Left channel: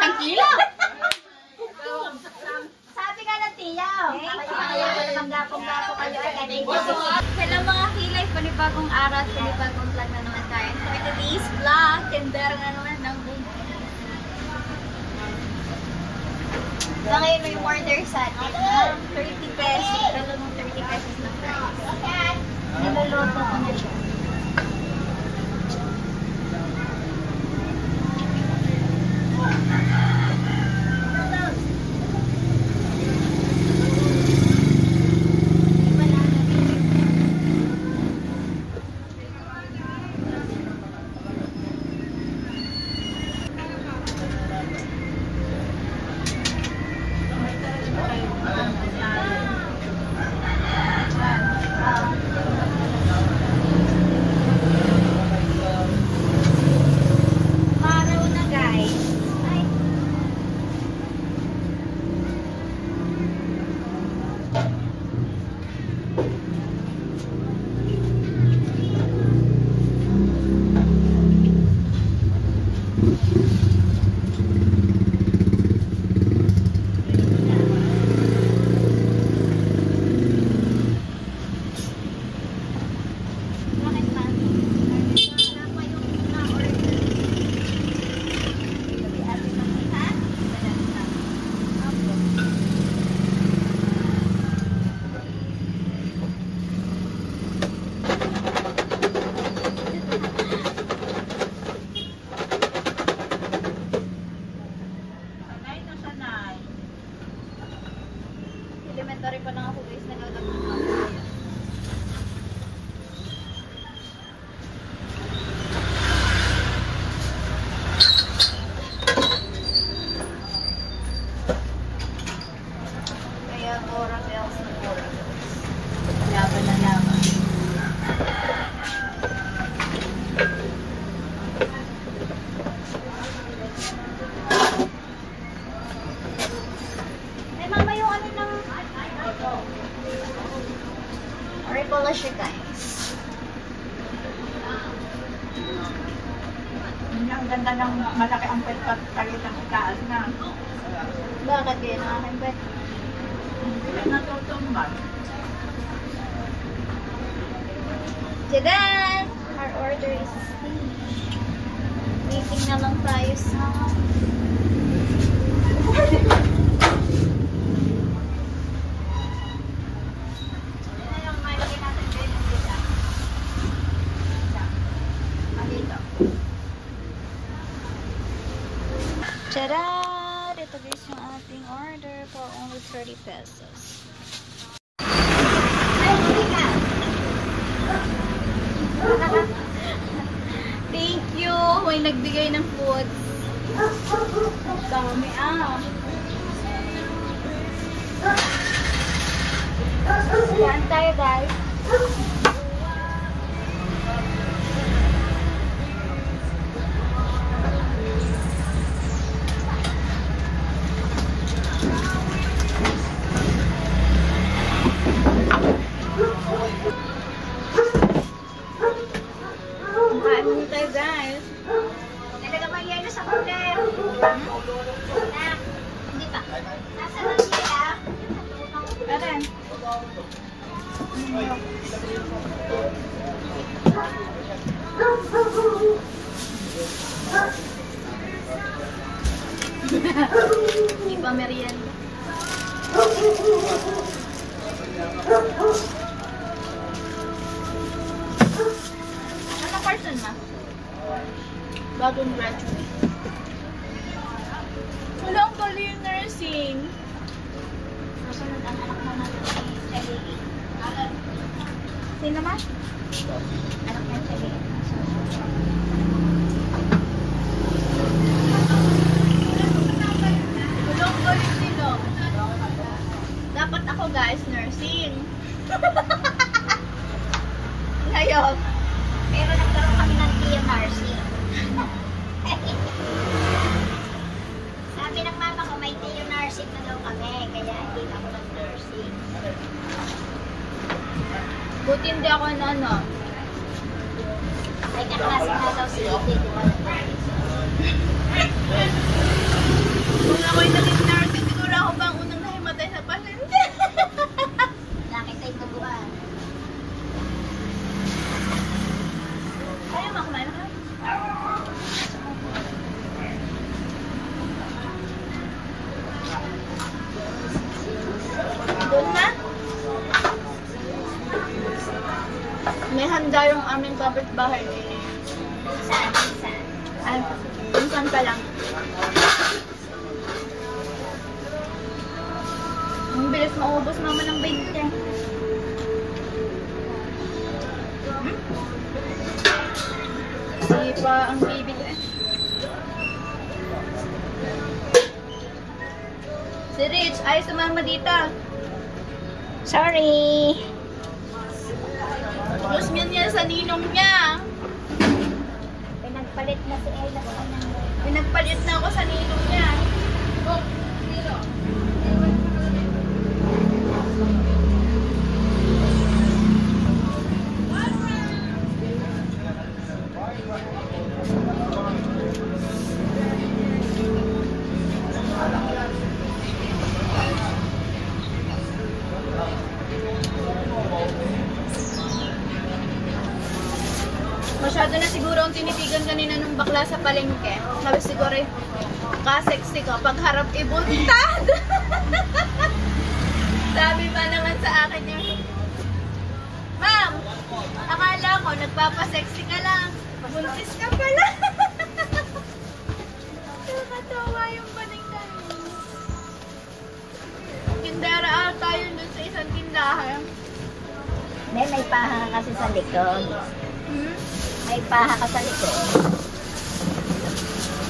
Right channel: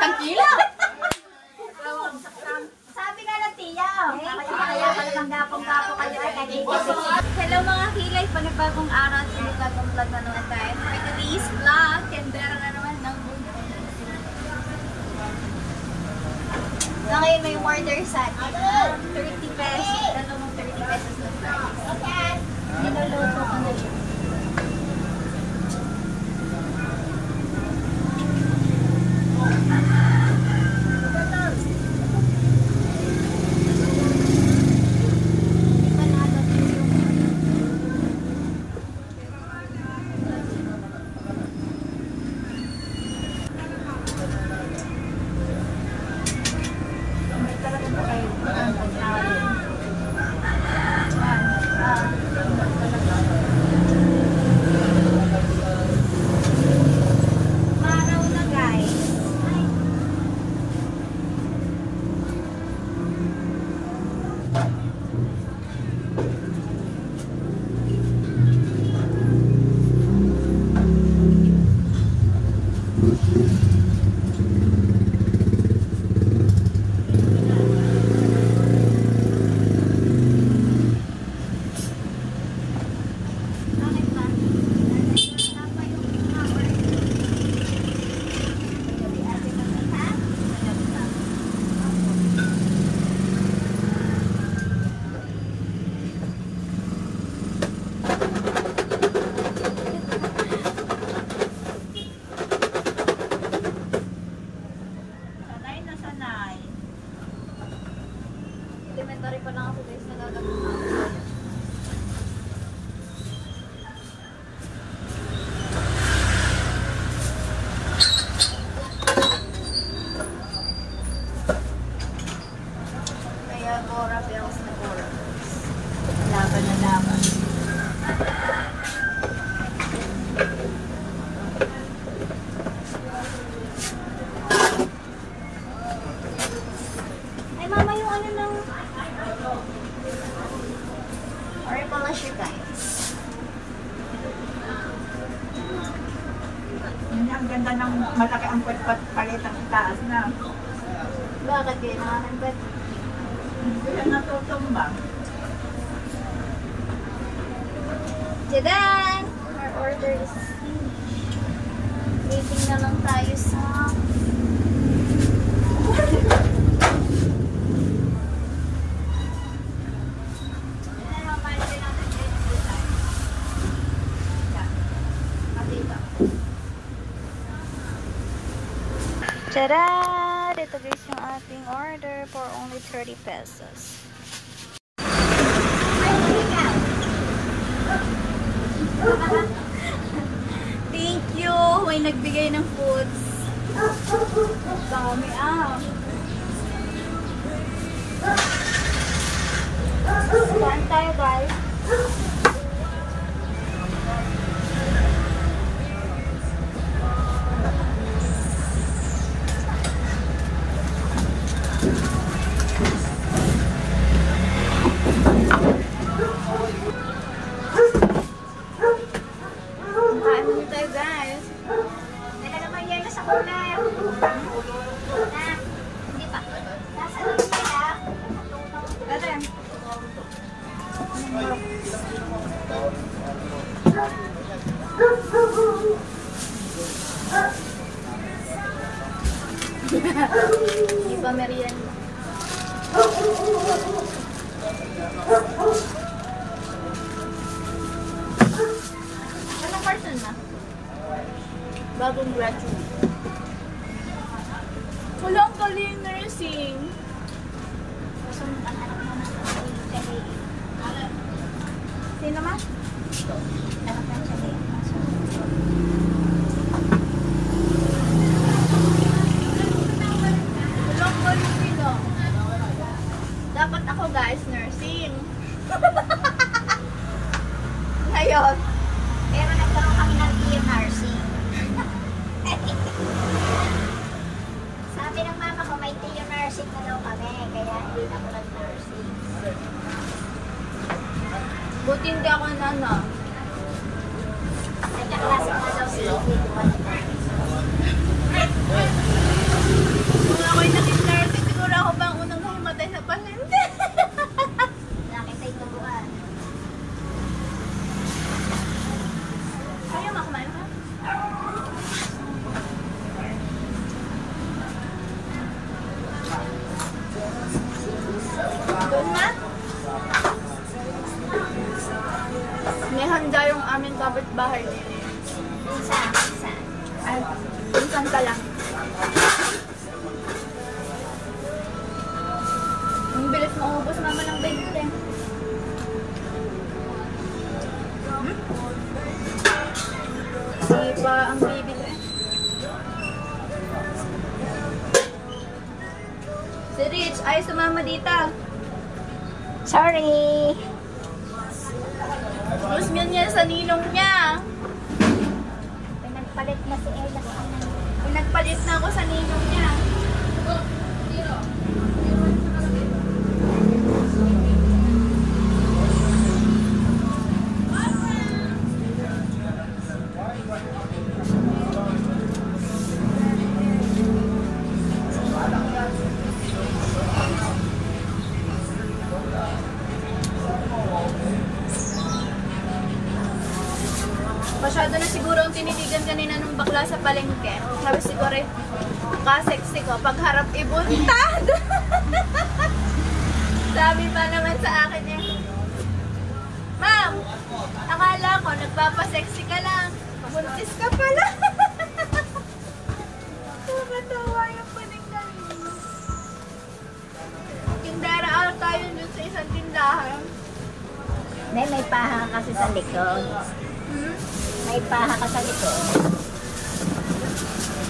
isang kilo. Sabi ka ng tiya. Ayaw ka naman gapong-gapo kayo. Hello mga kilay, panibagong araw, panibagong vlog na naman tayo. For today's vlog, tendera na naman ng buhay. Na ngayon may order sa atin. 30 pesos. Dalawang 30 pesos na fries. Niloloto ko na siya. Elementary pa lang ako guys, nagagawin ako. Kaya Bora Bells na Bora Bells. Laban na laban. Mama, yung ano ng or pala siya guys. Ang ganda ng malaki ang palitan ng taas na. Bakit kayo nakakambet? Hindi ka natutumba. Jadan! Our order is finished. Waiting na lang tayo sa Tada! Ito guys yung ating order for only 30 pesos. Thank you! May nagbigay ng foods. Dami Saan tayo guys? Kain muna tayo guys. Nalagay yan na sa cooler. Hindi pa. Nasa lang siya. Ano yan? Hindi pa merienda. Anong person na? Bagong graduate. Walang galing nursing. Masunod ang anak mo na sa LA. Sino ma? Anak yan sa LA. Walang galing nila. Dapat ako guys, nursing. Ngayon, pero nagkaroon kami ng TMRC. Sabi ng mama ko, may TMRC na daw kami, kaya hindi na ako nag-nursing. Buti hindi ako na ano. May kaklase nga daw si Ike, di ba? Ako ba ang unang nahimatay sa palengke? Nakita yung tubuan. Ayaw, makumain ka. Doon na. May handa yung aming kapitbahay. Minsan. Ay, minsan pa lang. Ang bilis maubos mama ng 20. Hindi pa ang baby ko eh. Si Rich, ay sumama dito. Sorry! Mas niya sa ninong niya. Pinagpalit na si Ella sa kanya. Pinagpalit na ako sa ninong niya. Masyado na siguro ang tinitigan kanina ng bakla sa palengke. Sabi siguro, ka-sexy ko. Pagharap ibuntad. Sabi pa naman sa akin niya, Ma'am, akala ko nagpapasexy ka lang. Buntis ka pala. Nakatawa yung baning namin. Tindara tayo dun sa isang tindahan. May paha kasi sa likod. Hmm? May paha ka sa likod.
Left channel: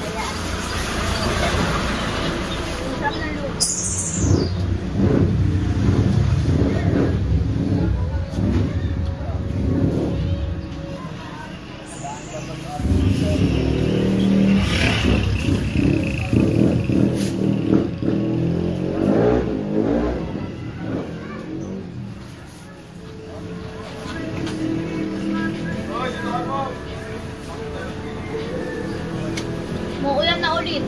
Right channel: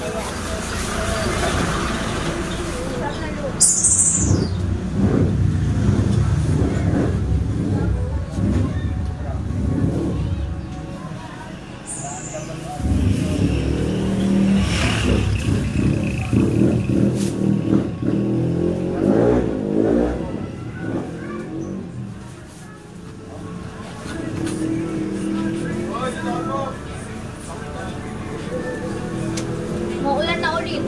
Kaya, Sarap na luto. Maulan na ulit.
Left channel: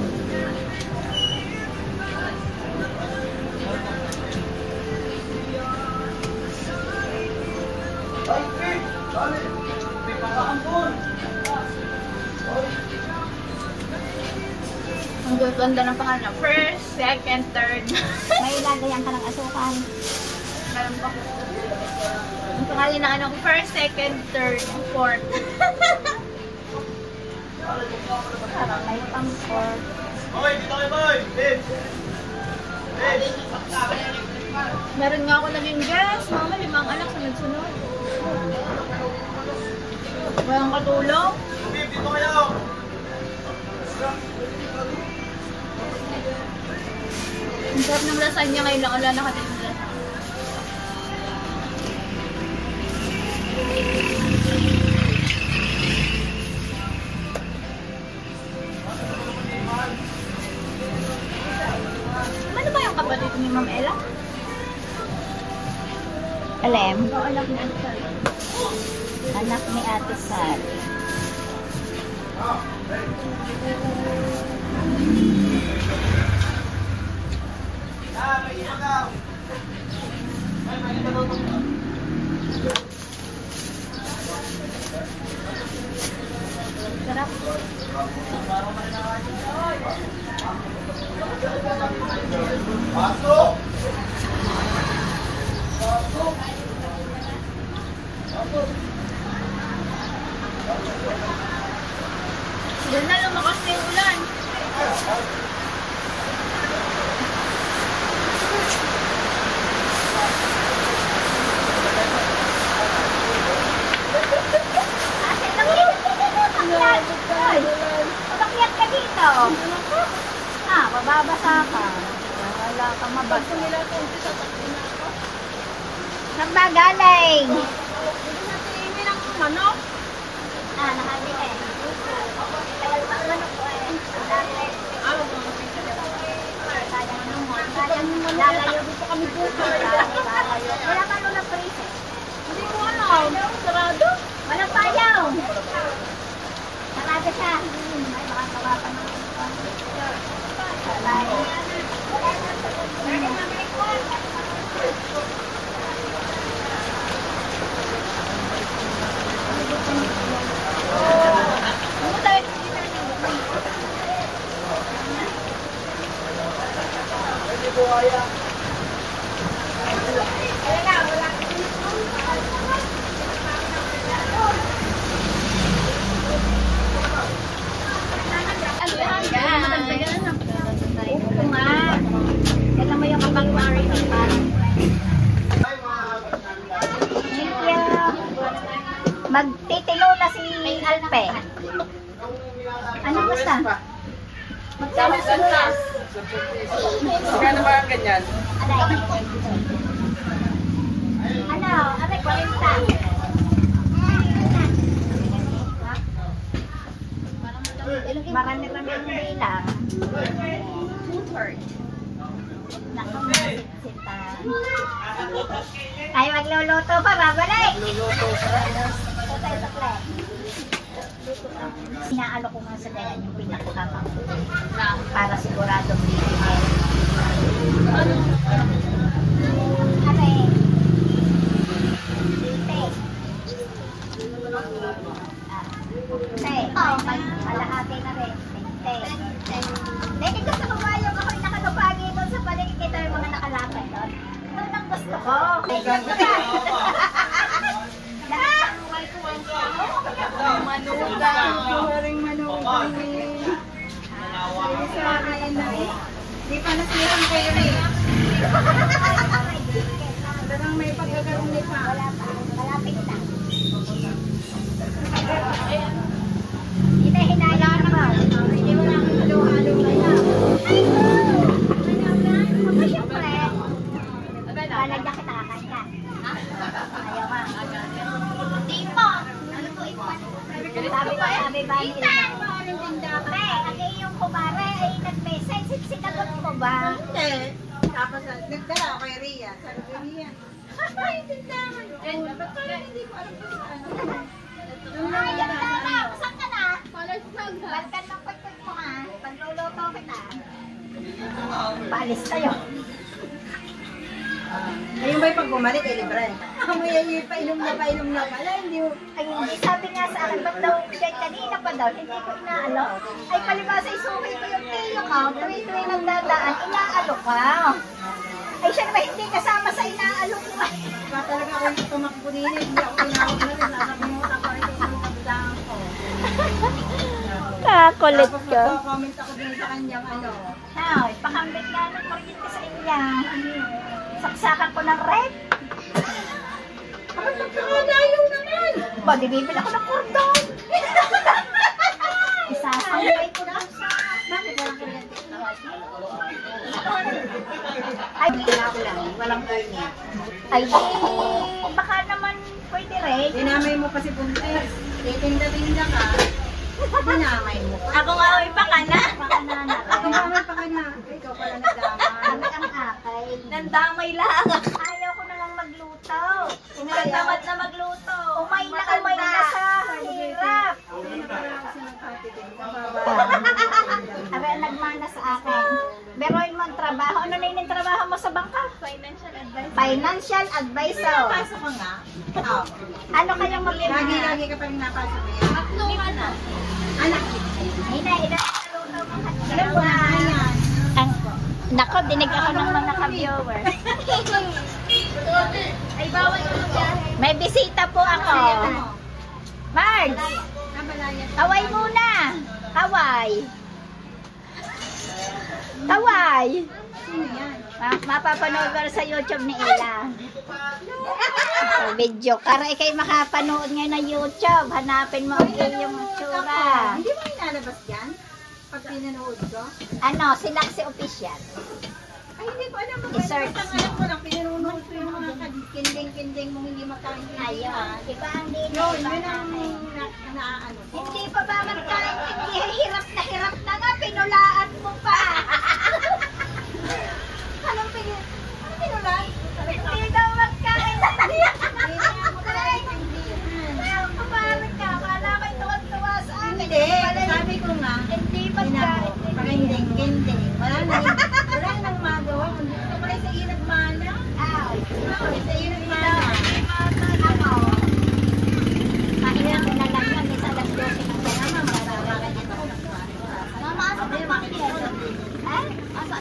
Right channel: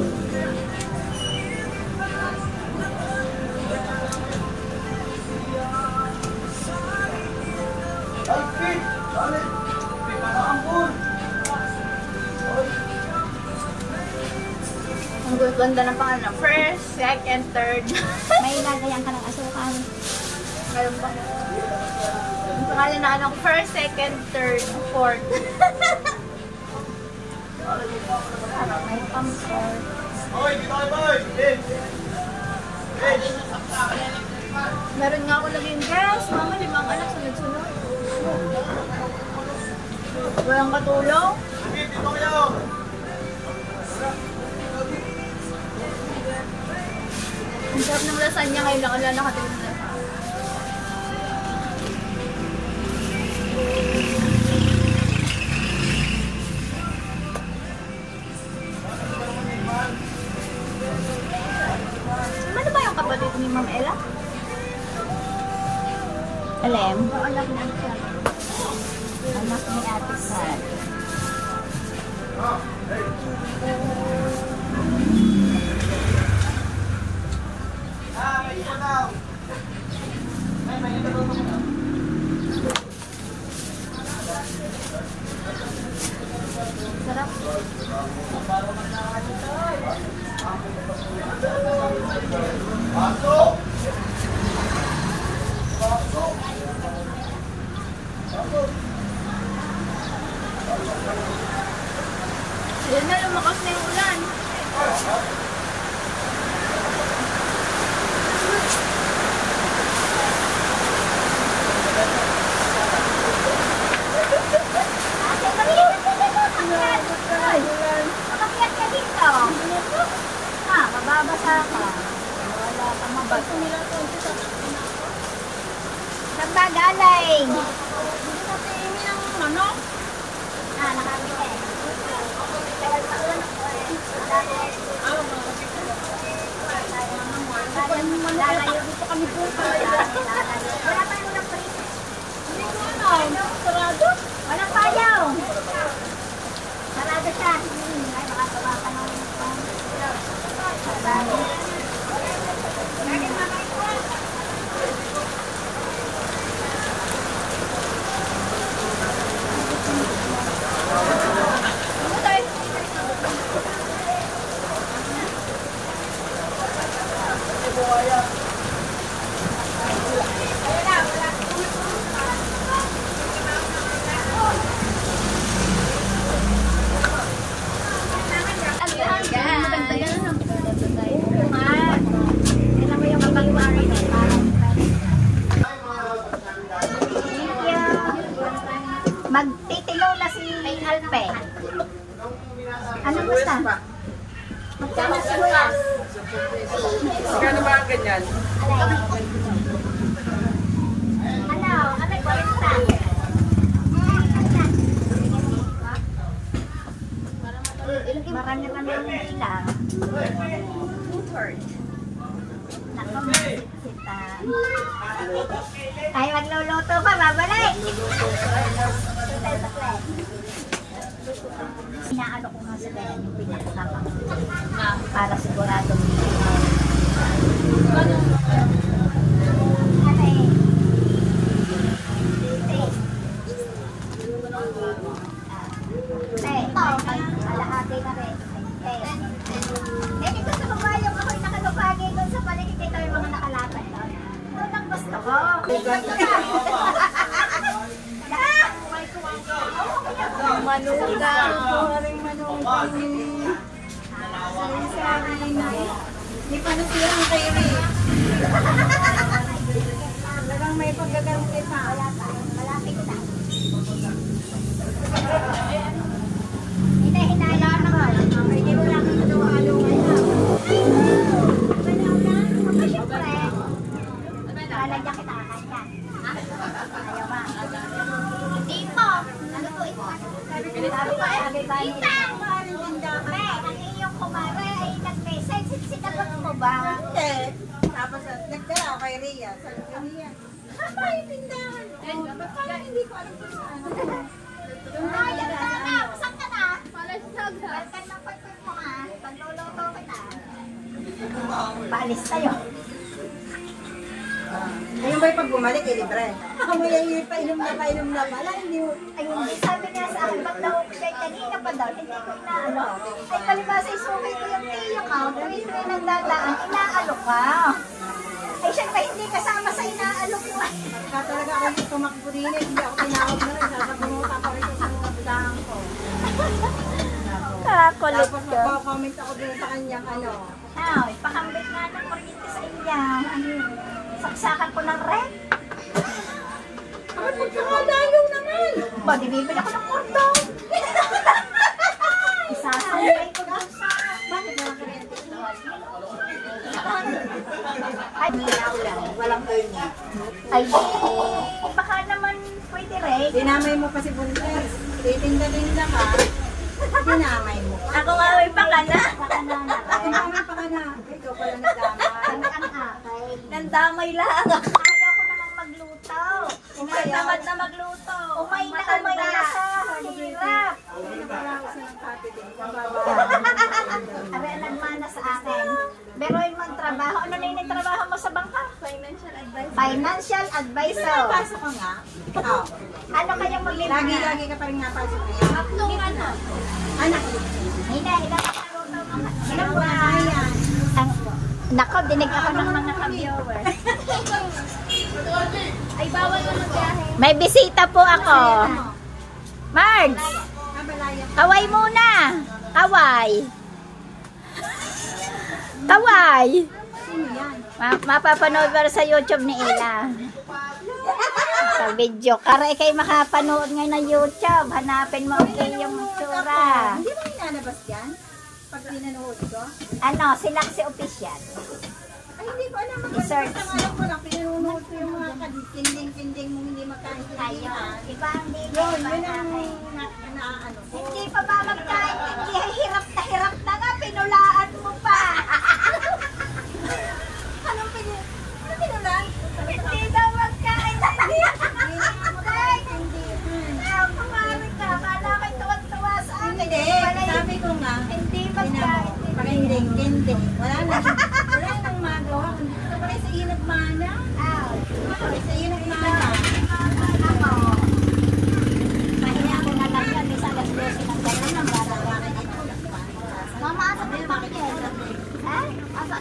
Ang ganda ng pangalan. First, second, third. may lagayan ka ng asukan. Meron pa. Ang pangalan na ano ko, first, second, third, fourth. May pangkor. Meron nga ako naging guest. Mama, 5 anak sunod-sunod. Walang katulong. Ang sarap ng lasagna ngayon lang. Wala nakatingin na. Ano ba yung kapatid ni Ma'am Ella? Alem, O anak ni Ate Sally? anak ni Ate Sally. Sarap. Yan na, lumakas na yung ulan. Umakyat ka dito. Ha, mababasa ka. Wala kang mabasa. Nagmagaling. Ah, nakakita eh. Lalayo dito kami bukas. Wala pa nung na-freeze. Hindi ko alam. Sarado? Walang payaw. Sarado siya. Ay, baka baka ka nung Magtitilo na si Alpe. Ano gusto? Magkano sibuyas? Magkano ba ang ganyan? Ano? Ano kwenta? Marami kami yung bilang. Two-third. Nakamasit-sita. Ay, magluluto pa, babalik! Ito tayo sa plate. Inaalo ko nga sa kanya yung pinakakapang para sigurado bibigyan. Ano eh? Malahati na rin. Dahil ito sa kumayong ako'y nakalupagi doon sa paligid. Ito yung mga nakalapit doon. Doon ang gusto ko. Manugang. Kumaring manugang. Sabi sa akin na di pa nasirang kayo eh. Parang may pagkagaroon din pa. Malapit na. Hinahinayan mo nga. Hindi mo lang halo-halo ngayon. Siyempre, lalagyan kita kakain. Ha? Ayaw ma. Hindi po. Nalutuin pa. Sabi ba nila? Pre, ang iyong kumare ay nag-message. Sinagot mo ba? Tapos nagdala kay Rhea. Sabi ko Rhea, ay tindahan. Parang hindi ko alam kung saan. Ayaw na. Saan ka na? Balkan ng pagpag mo ha. Pagluluto kita. Paalis tayo. Ayun ba'y pag bumalik ay libre? Ako mo yung painom na pala. Hindi Ay, hindi. Sabi nga sa akin, ba't daw siya kanina pa daw, hindi ko na ano. Ay, palibasa, isukay ko yung tiyo ka. Tuwi-tuwi nang dadaan, inaalok ka. Ay, siya naman hindi kasama sa inaalok mo. Kaya talaga ako yung tumakbo din eh. Hindi ako tinawag na rin. Nakapunguta pa rin sa mga bilangan ko. Kakulit Tapos ka. nagko-comment ako din sa kanyang ano. Now, ipakambit nga ng kuryente sa inyo. Ano, saksakan ko ng red. Bakit magkakalayo naman? Ba, di bibili ako ng kurdo. Isasaway ko doon sa... Bakit walang kuryente? Ay, Walang kuryente. ay, baka naman pwede rin. Dinamay mo kasi buntis. Titinda-tinda ka. Dinamay mo. Ako nga ay pakana. Dinamay pa ka na. Ikaw pala nagdamay. Kami ang akay. Nandamay lang. Ayaw ko na lang magluto. Tamad na magluto. Umay na siya. Hirap. Ano pala kasi ng pati din? Abi, nagmana sa akin. Pero yung magtrabaho, ano na yung trabaho mo sa bangka? Financial advice. Financial advisor. Pasok ka nga. Oh. Ano kayong mag-ibig? Lagi ka pa rin napasok. Tatlong ano? Anak. Hina. Alam ko na yan. Nako, dinig ako ng mga ka-viewers. Ay, bawal ko magbiyahe. May bisita po ako. Margs, Kabalaya. kaway muna. Kaway. Kaway. Sino yan? Mapapanood ko sa YouTube ni Ila. Sa video. Kara kayo makapanood ngayon ng YouTube. Hanapin mo yung tsura. Hindi ba inalabas yan? Pag pinanood ko? Ano, sila si official. Ay, hindi ko alam. I-search Ang alam ko lang, pinanood ko yung mga kinding-kinding mong hindi magkaintindihan. Ayun. Iba ang dito. Yun, Iba yun ang ang naaano ko. hindi pa ba magkaintindi? Hirap na nga. Pinulaan mo pa. Anong pinulaan? Hindi daw magkaintindi. Hindi nga magkaintindihan. Pumarag ka. Kala ko'y tuwag-tuwa sa akin. Hindi, sabi ko nga, Hindi magkaintindi. kinding-kinding. Wala nang magawa. Ito pa rin sa inag mana. Sa inag mana. Pahinga ko na lang yan. Isa alas 12 ng kaya Mama, asa mo yung pangigil? Ha? Asa?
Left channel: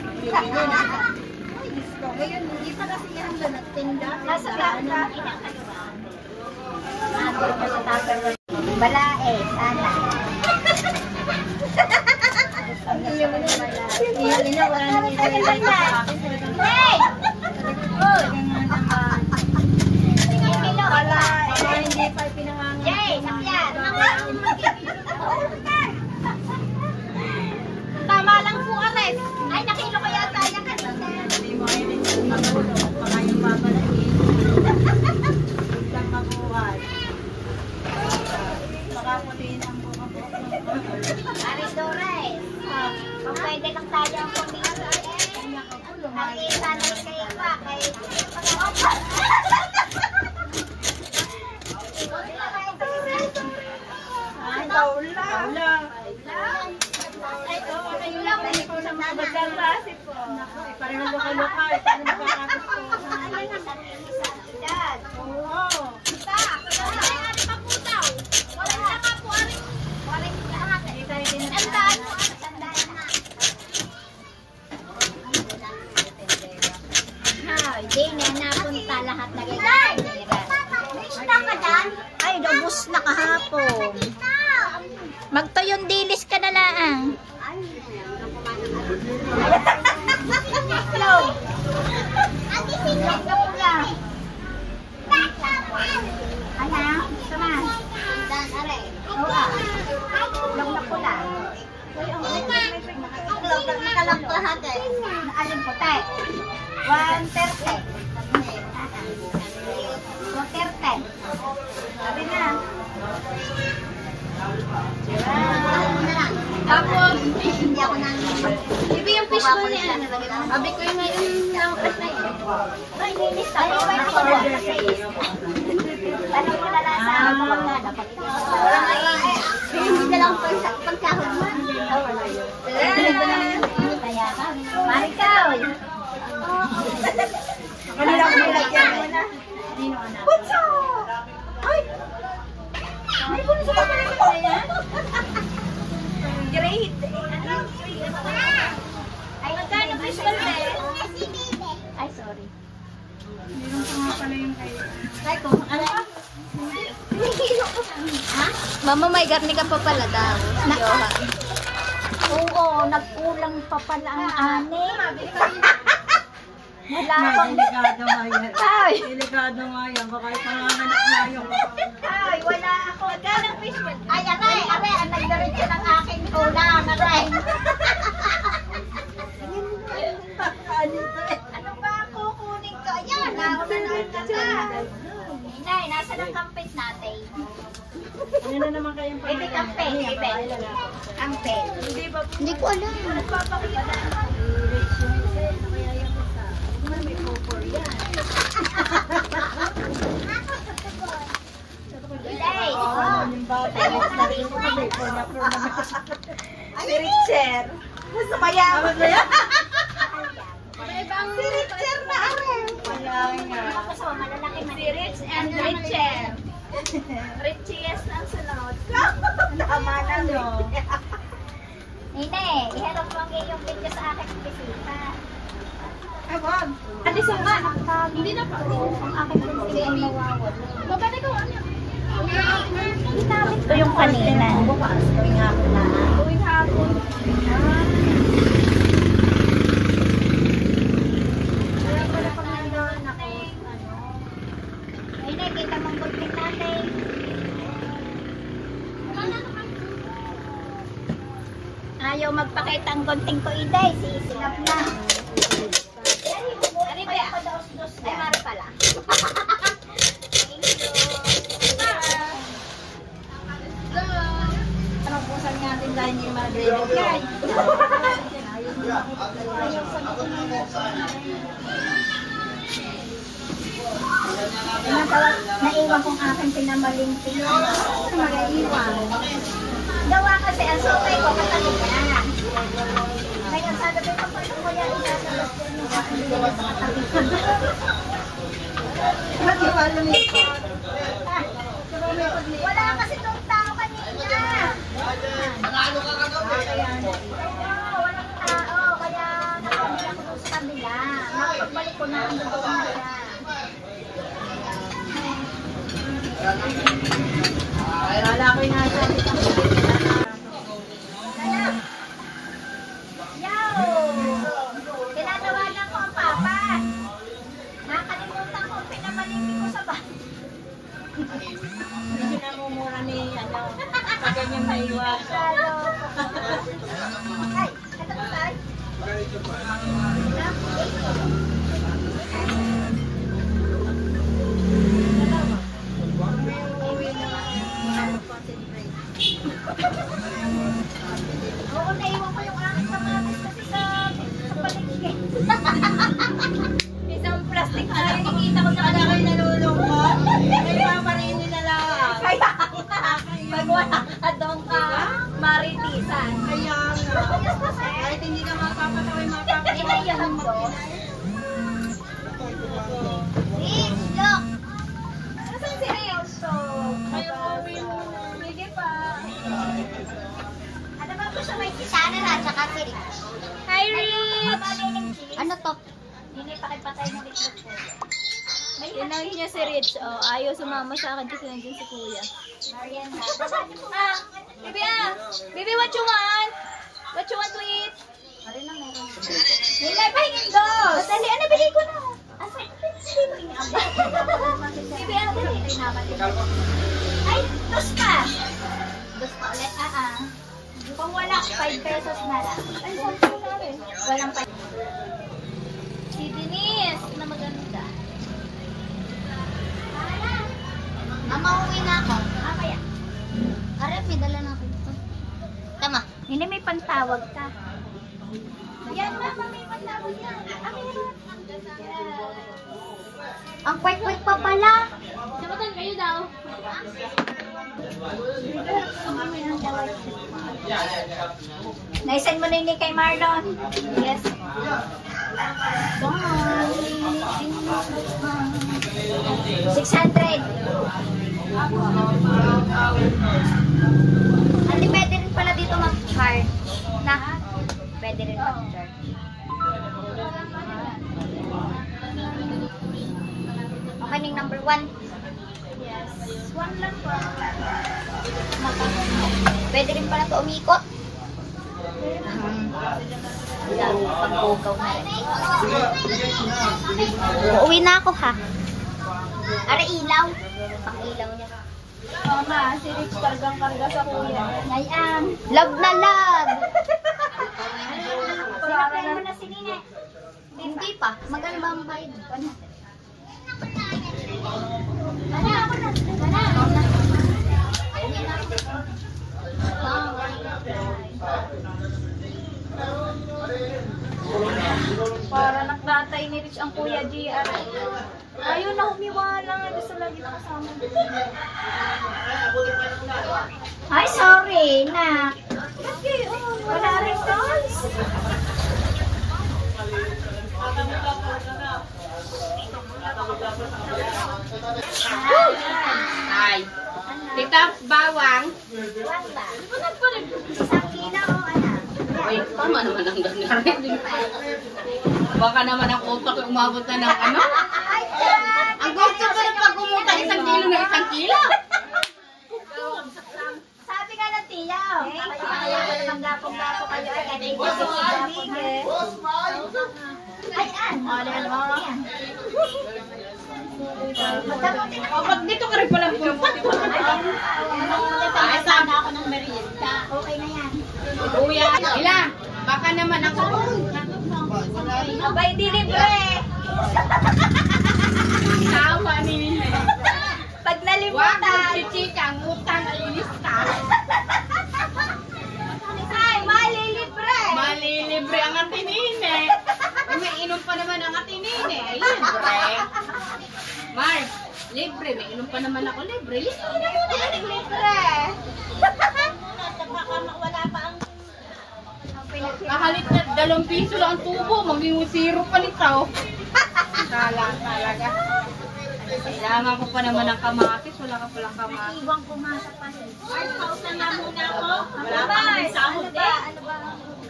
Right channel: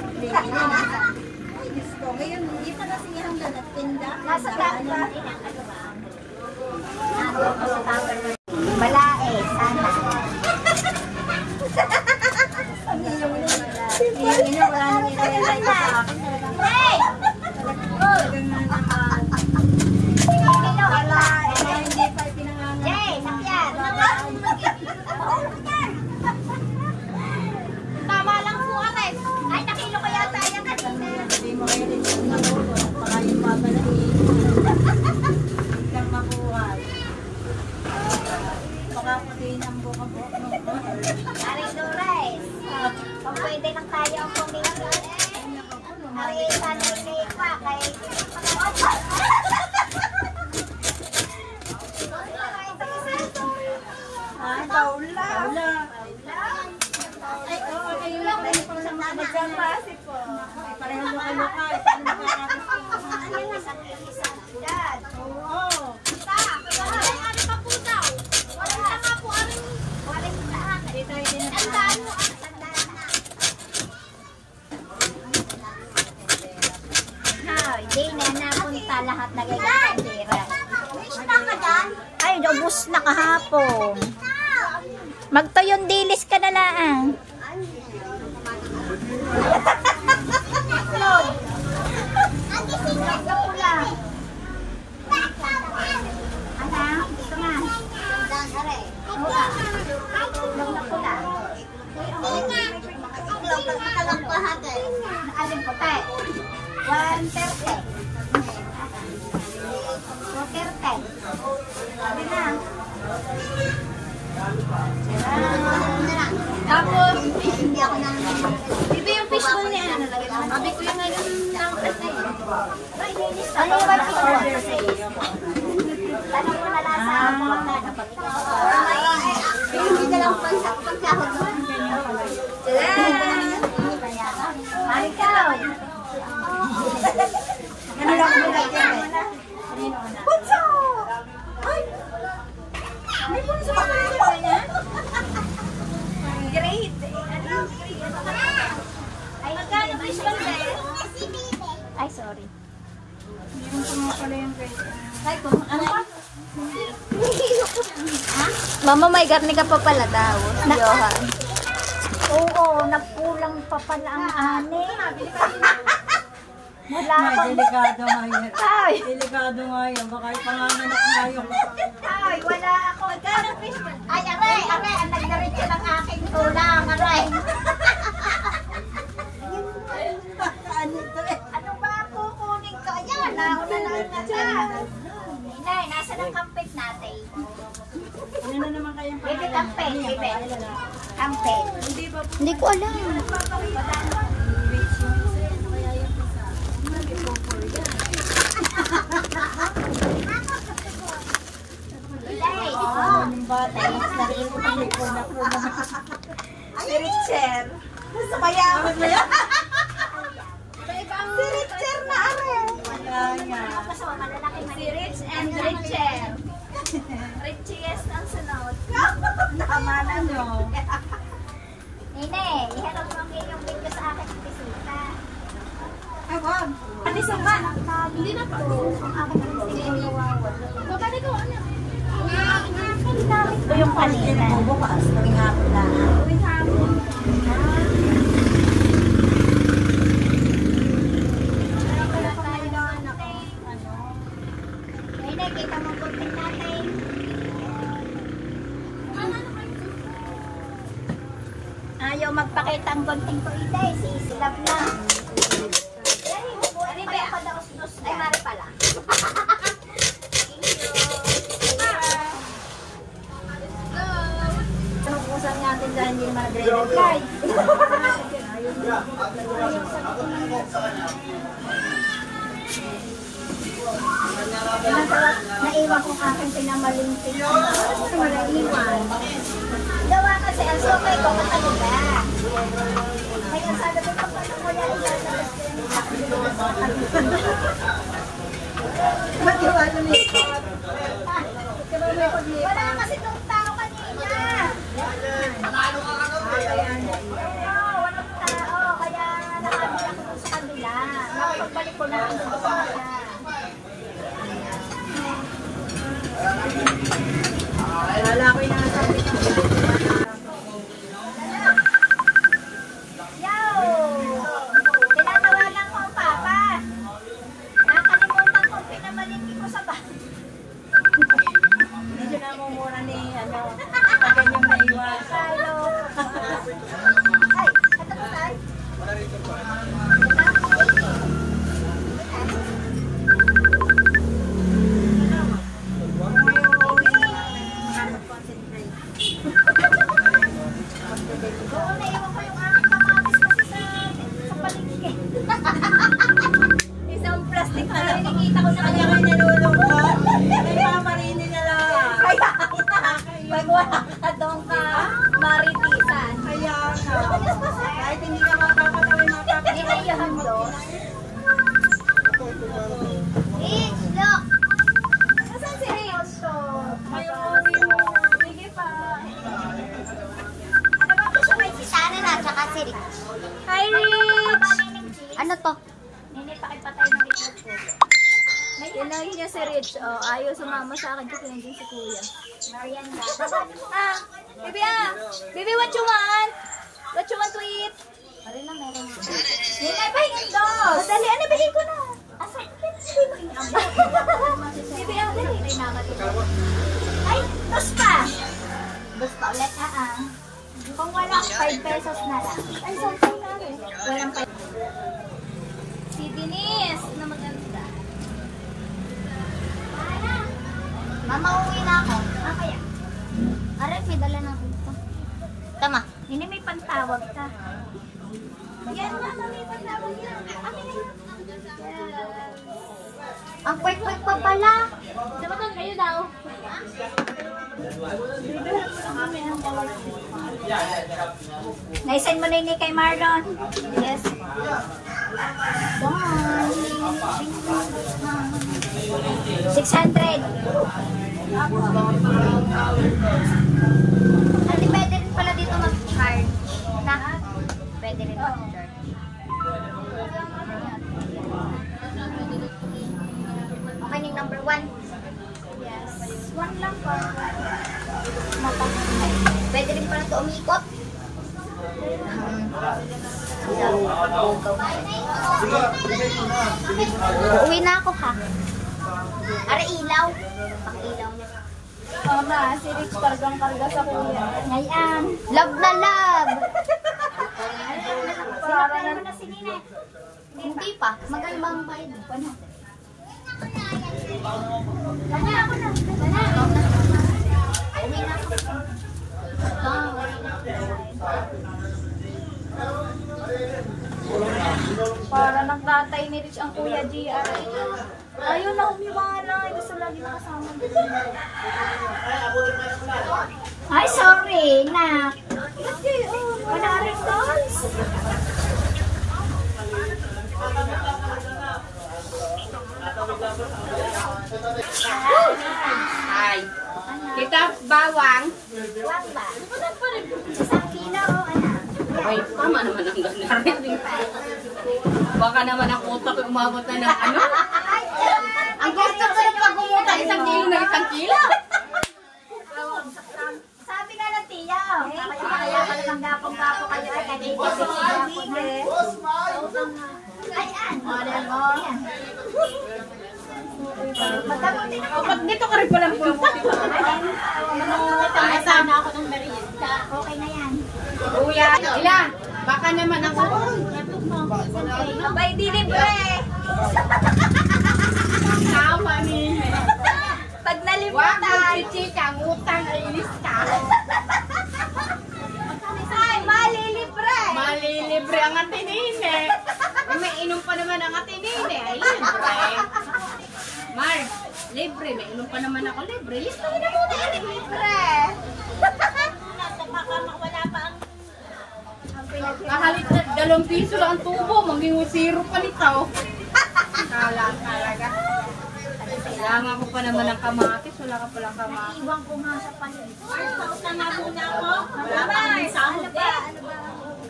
Nasa tupper. Nandun pa sa tupper. Balae, sana. Hey! Jay, sakyan. Tama lang po, Ares. Ay, nakilo ko yata yan kanina. Sabi mo kayo rin sa magulo, baka yung babalahin. Biglang mabuhay. Baka putiin ang buka mo. Aris Dores. Kung pwede lang tayo ang pumili. Aris, sanay kay Kwa, kay... Ay, paula. Paula. Kayo lang, kayo po sa mga magkaklasip po. Pareho luka-luka. Paano makakasok? Oo. Hindi na napunta lahat na ganyan pera. Ay, ubus na kahapon. Magtoyon dilis ka na lang. Tapos, ibi yung fishbowl niya. Abi ko yung nakakas na yun. Ano ba yung fishbowl? Tanong mo na lang sa ako. Para maingay. Hindi na lang po yung pagkahod mo. Marikaw. Ano lang nilagyan mo na? Bunso! Ay! May bunso pa niya? Grade. Ano? Ay, magkano fishbowl ba? Ay, sorry. Meron pa nga pala yung grade. Mama, may garni ka pa pala daw. Johan. Oo, nagkulang pa pala ang ani. Wala pang... Delikado nga yan. Ay! Delikado nga yan. Baka ipanganganak nga yung... Ay, wala ako. Magkano fishbowl? Ay, aray, ang nagdaritso ng aking kulang, aray. Ano ba ang kukunin ko? Ayan, nauna na ang kata. Inay, nasa ng kampit natin? Ano na naman kayong Baby kampit, baby. Kampit. Hindi ko alam. Inay. Si Richard. Sumayaman mo yan. Si Richard na aral. Si Rich and Richard. Richies ang sunod. Tama na no. Nine, iharap mo ang iyong video sa aking bisita. Ay, wag. Ate Suma, hindi na pa. Ang aking bisita. Babali ko ano? Ito yung kanina. Bukas, gawing hapon na. Tuwing hapon. Nine, kita mong gunting natin. Ayaw magpakita ang gunting ko, Iday. Sisilap na. Ano ba ako daw? Ay, mari pala. Mag-usap natin dahil yung mga dreaded. Naiwan kong aking pinamalinting. Naiwan. Gawa kasi ang sukay ko kataliga. Kaya sabi ko pa mo yan ilalabas ko yung aking Mag-iwala mo ito. wala kasi itong tao kanina. Nanalo ka kagabi. Oo, walang tao. Kaya nakabila ko sa kabila. Nakapagbalik ko na ang doon na siya. Wala ko yung nasa. Yo! Tinatawagan ko ang papa. Nakalimutan ko pinamalingki ko sa bahay. Medyo namumura ni ano. Pag ganyan maiwasan. Hello. Ay, ito ba tayo? Oo, naiwan ko yung aking kamatis kasi sa palengke. Isang plastic na rin nakita ko sa Kaya kanila. kayo nalulungkot. Kaya paparin nila lang. Kaya pag wala ka doon ka, maritisan. Kaya nga. Kahit hindi ka makakatawin Di ba yung dos? Look! Nasaan si Rich? Sige pa. Ano ba gusto mo? Si Sana na, tsaka si Rich. Hi, Rich! Ano to? Hindi pa ipatay ng itlog ko. Tinawag niya si Rich. Oh, ayaw sumama sa akin kasi nandiyan si Kuya. Mariana. Ah, baby Baby, what you want? What you want to eat? Hindi, pahingin dos. Dali, ano, bili ko na. Baby, dali. Ay, tos ka! Dos pa ulit, Kung wala, 5 pesos na lang. Ay, something na rin. Walang 5. Si Denise, na maganda. Mama, uwi na ako. Kaya? Aray, may dala na ako. Tama. Hindi may pantawag ka. Yan, mama, may pantawag yan. Akin na yan. Ang kwek-kwek pa pala. Sabagan kayo daw. Naisend mo na yun kay Marlon. Yes. Bye. 600. Hindi pwede rin pala dito mag-charge. Na? Pwede rin mag-charge. Maning number 1. Yes. One lang po. Pwede rin pala ito umikot. Uuwi na ako ha. Ara ilaw. Ang ilaw niya. Mama, si Rich kargang-karga sa Kuya. Ayan. Love na love. Para Ano na si Nine? Hindi pa. Magkano ba ang bayad? Bana ako na. Bana. Para ng tatay ni Rich ang Kuya GR. Ayun na, humiwala. Gusto lagi nakasama. Ay, sorry na. Ba't kayo? Wala rin dolls. Ay. Tita, bawang. Isang kilo o ano? Ay, tama naman ang ganarin. Baka naman ang utak yung umabot na ng ano. Ang gusto ko na pag umutak 1 kilo na 1 kilo. Sabi ka ng tiya. Ayaw ko namang gapong-gapo kayo. Ay, kanina ko Ay, Model mo. Pag dito ka rin palang pumunta. Ay, sana ako ng merienda. Okay na yan. Kuya, ilan? Baka naman ako. Abay, di libre. Tawa ni. Pag Wag nalimutan. si Chika, ang utang ay inis ka. Ay, malilibre. Malilibre ang atinine. May inom pa naman ang atinine. Ay, libre. Mark, libre. May inom pa naman ako libre. Libre na muna. Libre. Kahalit na 2 piso lang ang tubo. Maging 0 pa nito. Kalang talaga. Kailangan ko pa naman ng kamatis. Wala ka palang kamatis. Iwan ko nga sa palit. Pautan na muna ako. Wala Ano pa ba? kami sahod Ano ba? eh.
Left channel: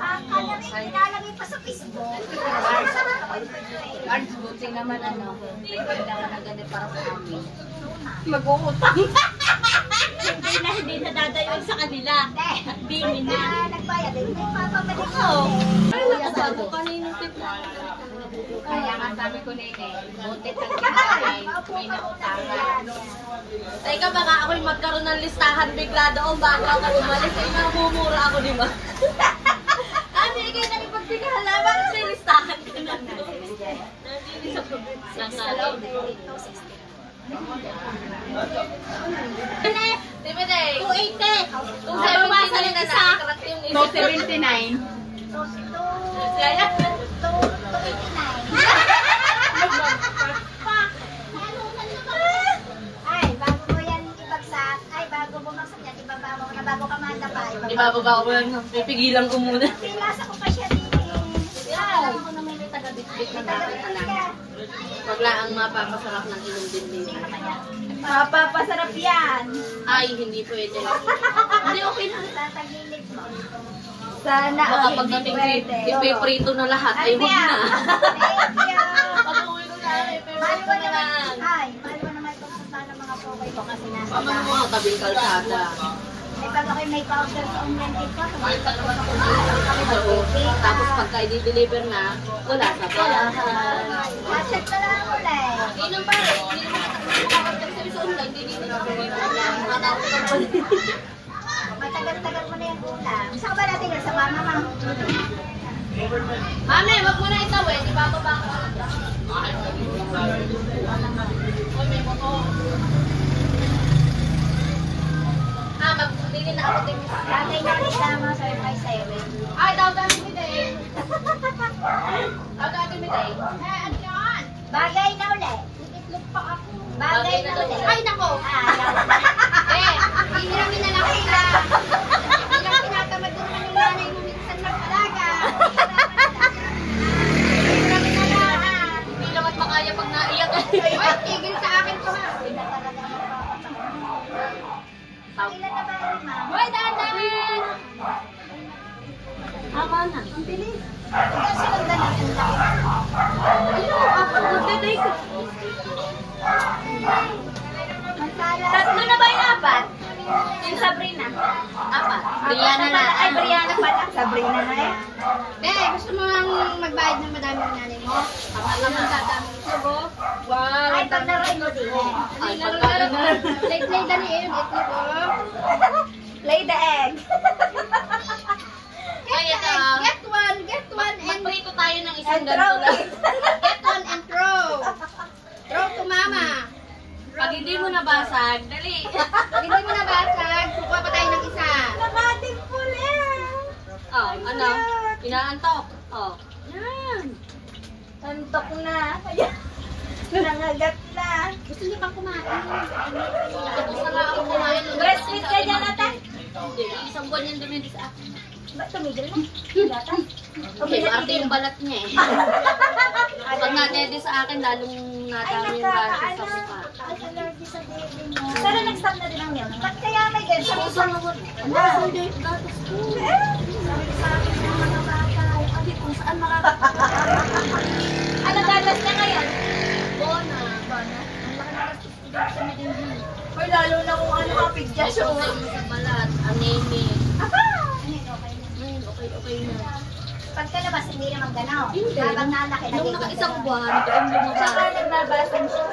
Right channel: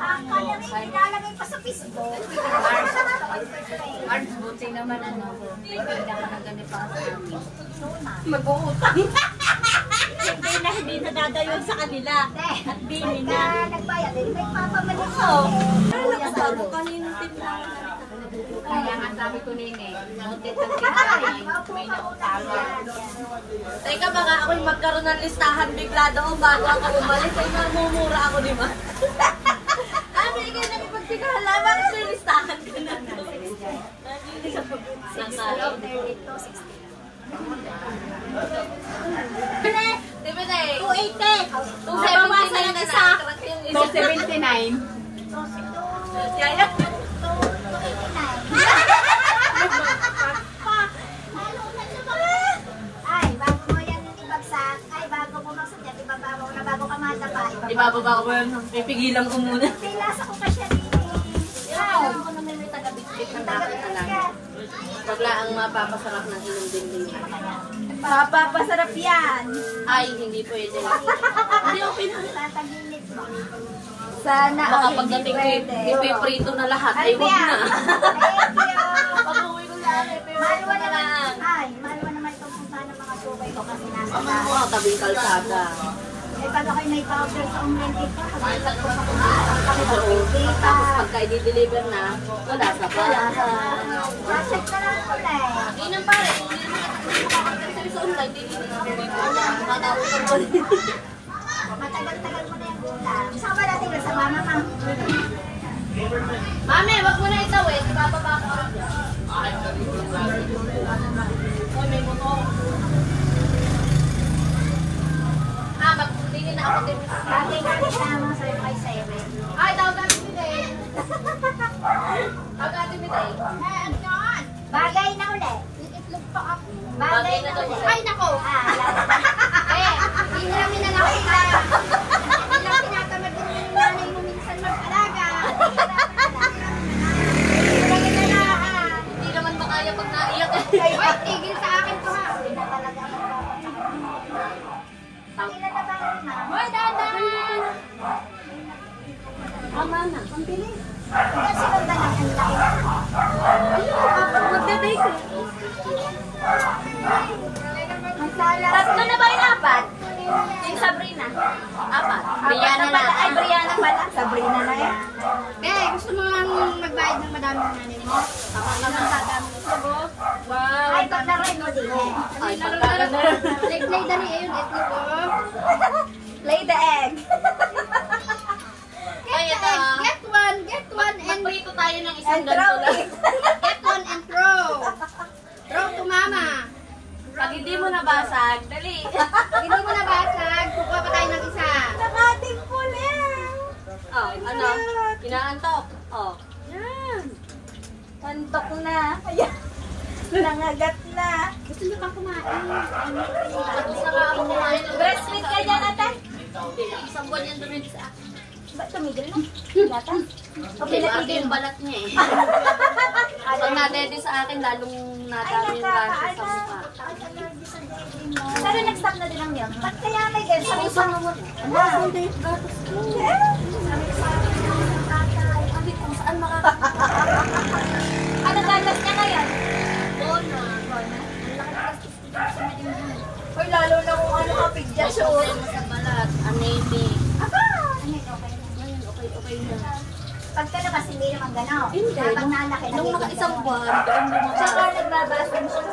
Ang kanya rin nilalagay pa sa Facebook. Mark, Cards, buti naman ano, may tindahan na ganit para sa amin. Mag-uutang. Hindi na dadayon sa kanila. At bini na. Nagbayad din. May papabalik ko. Ay, nakabago kaninong titla. Kaya nga sabi ko nene, noted ang tindahan, may nautang. Teka, baka ako'y magkaroon ng listahan bigla doon bago ako umalis. Ay, mamumura ako, di ba? Hindi kayo nakipagpigala. Bakit may listahan ka na doon? Nandito sa pagkakalong. 280. 270 yung isa. 279. Kaya, Ay, bago mo yan ibagsak. Ay, bago bumagsak yan, ibabawa ko na bago ka matapay. di ba baba ko lang? Pipigilan ko muna. Pilasa ko pa siya din. Alam ko na may taga-bitbit na natin alam. Wala ang mapapasarap ng inyong binding. Mapapasarap yan. Ay, hindi pwede. Hindi, okay na. Tatagilid mo. Sana baka pagdating ipiprito na lahat. Ay, huwag na. Thank you. Pag-uwi ko na, ipiprito na lang. Ay, maliwa naman ito kung paano mga sukay ko kasi nasa Paman mo nga tabing kalsada. Ay, pag ako'y may powder sa online kit ko, Tapos pagka i-deliver na, wala sa pala. check na lang ulit. Hindi nang pare. Hindi sa online, hindi nila. Matagal-tagal mo na yung ulam. Saan ba natin yun? Sa mama, ma? Mami, wag mo na itawid. Ibababa ko ako dyan. Oy, may motor. Magbili na ako din. Tatay na rin tama sa wifi siren. Ay, dami ni Day. Dami ni Day. Ano yun? Bagay na ulit. Iitlog pa ako. Bagay na ulit. Ay, nako. Hiniramin na lang sila. Hindi lang tinatamad din naman yung nanay mo minsan mag-alaga. Hiniramin na lang. Hindi naman pa kaya pag naiyak. Ay, tigil sa akin to ha. Hindi na talaga. Ilan na ba yun, ma? Hoy, dahan! Tama na. Ang bilis. Ikaw silang na lang ang laki. Ayun, ako magdaday ko. Masala. Tatlo na ba yung apat? Yung Sabrina? Apat. Brianna na. Ay, Brianna pala. Sabrina na eh. Gusto mo lang magbayad ng madami ng nanay mo? Tama lang ang dadami ko. Wow. Ay, pag naray mo din eh. Ay, pagkala na. Play dali yun, itlog ko. Lay the egg. Ay, ito. Get one, and Magprito tayo ng isang And throw ganito lang. it. get one and throw. Throw to mama. Pag hindi mo nabasag, dali. Pag hindi mo nabasag, kukuha pa tayo ng isa. Nakating puli. Oh, ano? Inaantok. Oh. Yan. Antok na. Ayan. Nangagat na. Gusto niyo pang kumain? Tapos na nga ako kumain. Breastfeed ka dyan, ate. Hindi. Isang buwan yung dumindi sa akin. Ba't tumigil na? Lata. Okay, ate yung balat niya eh. Pag nadede sa akin, lalong Ay, nadami yung rash sa nagkakaano. mukha. Ay, allergy sa baby mo. Pero nag-stop na din ang milk. Ba't kaya may ganyan? Sa usang mo. Ano? Gatos ko. Sabi ko sa akin ng mga bata. Abi, kung saan makakapit. Ano gatas niya ngayon? Bona. Uy, lalo na kung ano kapig dyan siya. Ay, mo sa balat. Anemic. Aba! Ano yun, okay na. Ngayon, okay na. Pagkalabas, hindi naman gano'n. Hindi. Habang nalaki na. Nung naka-isang buwan, doon lumabas. Tsaka nagbabasang siya.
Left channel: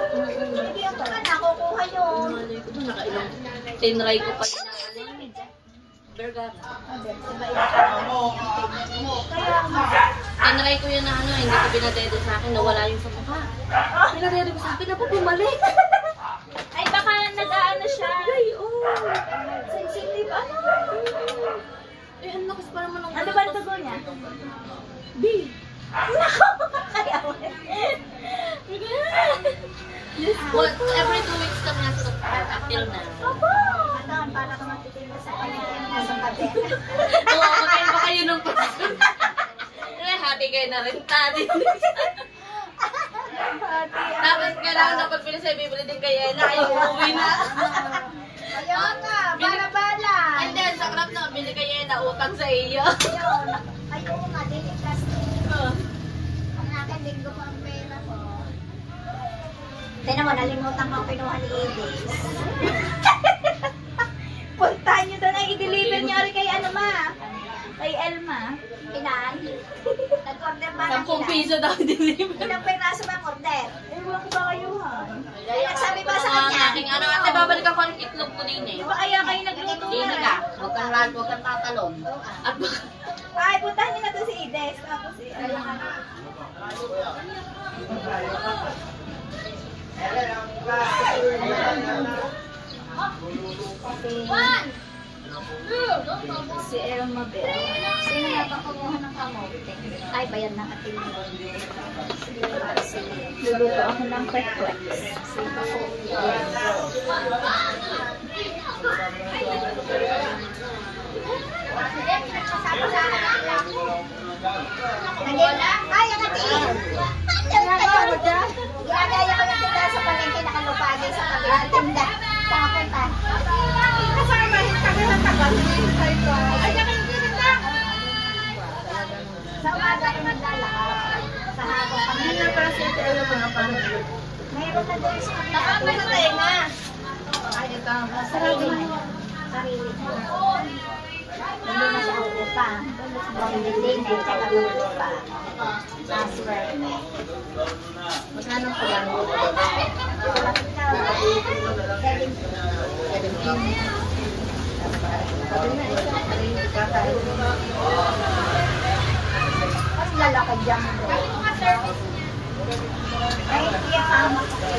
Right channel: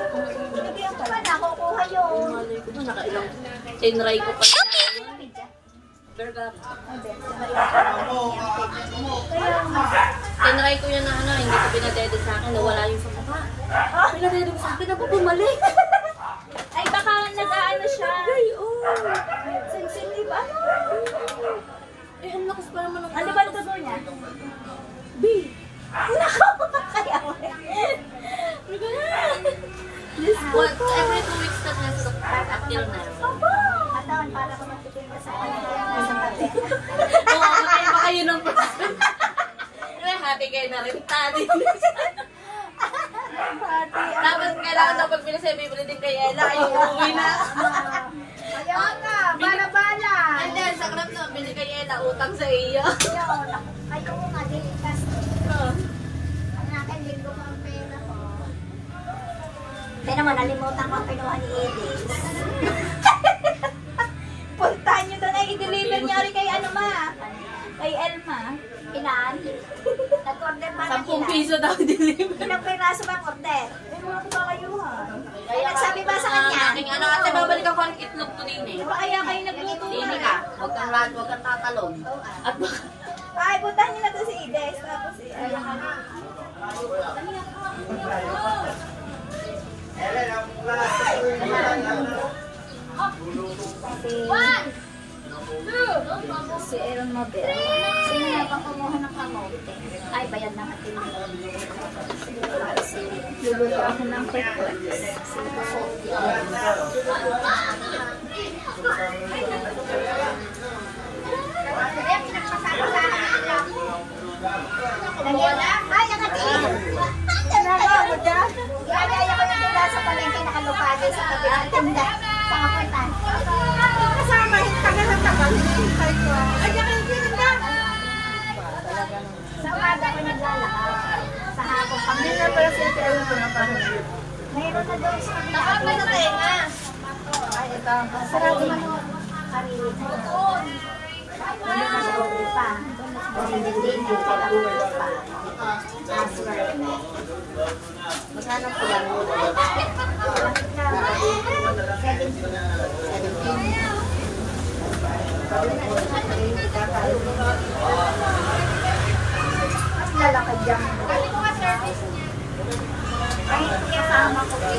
Hindi ako pa nakukuha yun. Malay ko ba, nakailang. Tinry ko pa na. Burger. Kaya nga. Tinry ko yun na ano, hindi ko pinadede sa akin, nawala yung sa mukha. Pinadede ko sa akin, dapat bumalik. Ay, baka nag-aano siya. Ay, oh. Sensitive, ano? Eh, ang lakas pa naman ng Ano ba ang tugo niya? B. Nako! Kaya mo. What, every 2 weeks kami nasa doctor until now. Katawan, para ka matitin mo sa kanya. Nasa tabi. Oo, magkain pa kayo ng person. Happy kayo na rin, tani. Tapos kailangan na pag pinasay, bibili din kay Ella, yung uwi na. Ayaw ka, bala-bala. And then, sa crap na, bili kay Ella, utang sa iyo. Ayaw. Ayaw nga, delicate. Ang akin, linggo Ilan? Nag-order ba ng 10 piso daw deliver. Ilang peraso ba order? Ay, nagsabi ba sa kanya? Aking anak ate, babalikan ko ang itlog ko din eh. Di ba kaya kayo nagluto Dini na? ka, huwag kang tatalon. At Ay, puntahan niyo na to si Ides. Tapos si Si Aaron Mabel. Sino na pang kumuha ng kamote? Ay, bayan ng atin. Luluto ako ng pekwex. Ay, ang atin! Gagaya ko ng tinda sa palengke nakalupagay sa tabi ng tinda. Saan punta? Kasama, tagal na tagal. Hintay ko. Ay, yakin tinda. Sa umaga ko naglalakad. Sa hapon kami. Hindi na pala siya tayo pinapanood. Mayroon na doon sa Nakapa na tayo nga. Ay, ito. Sarado mo yung sarili mo. Doon mo sa upa. Doon mo din ay kaya mo upa. Transfer. Magkano po yan? 17. Lalakad yan. Ay, kasama ko. Ay,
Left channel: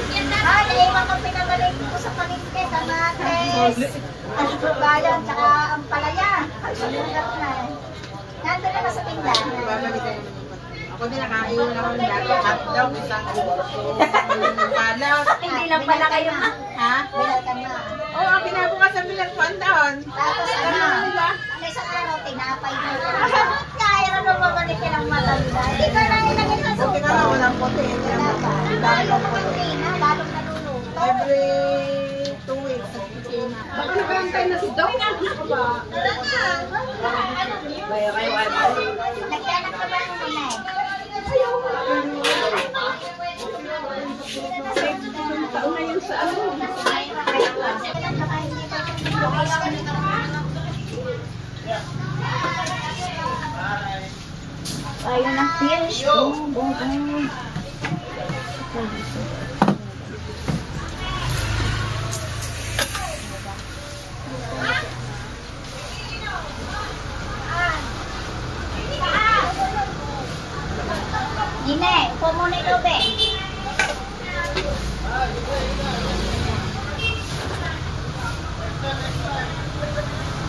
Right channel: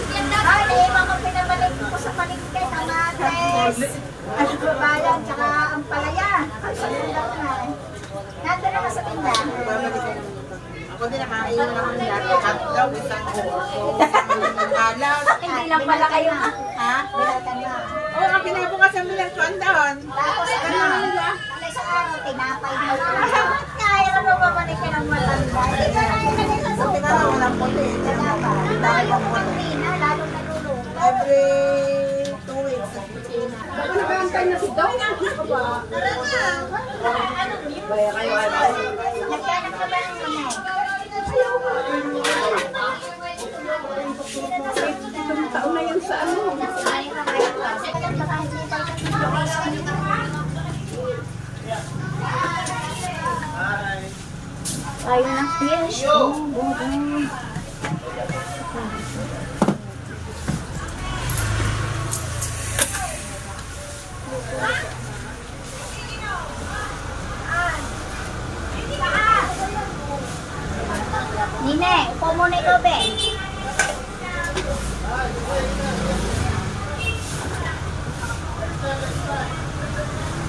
naiwan ko pinabalik ko sa palengke. Kamates. Ano po ba yan? Tsaka ang palaya. Salulat na. Nandun naman sa tindahan. Ako din nakakain ako ng hotdog, isang kurso. Anak. Hindi lang pala kayo. Ha? Bilal ka na. Oo, ang pinako nga sa milang suandahon. Tapos ano? Ano sa araw, tinapay mo. Kaya ano babalik ka ng matanda. Hindi ka na ilagay sa Buti ka na walang puti. Lalo ko ng rina, lalo naluluto. Every 2 weeks. nag-aantay na si Doc. Tara na. Nagkanak ka ba ng minay? Taon na yun sa ano. Tayo ng fish. Nine, muna ito, be.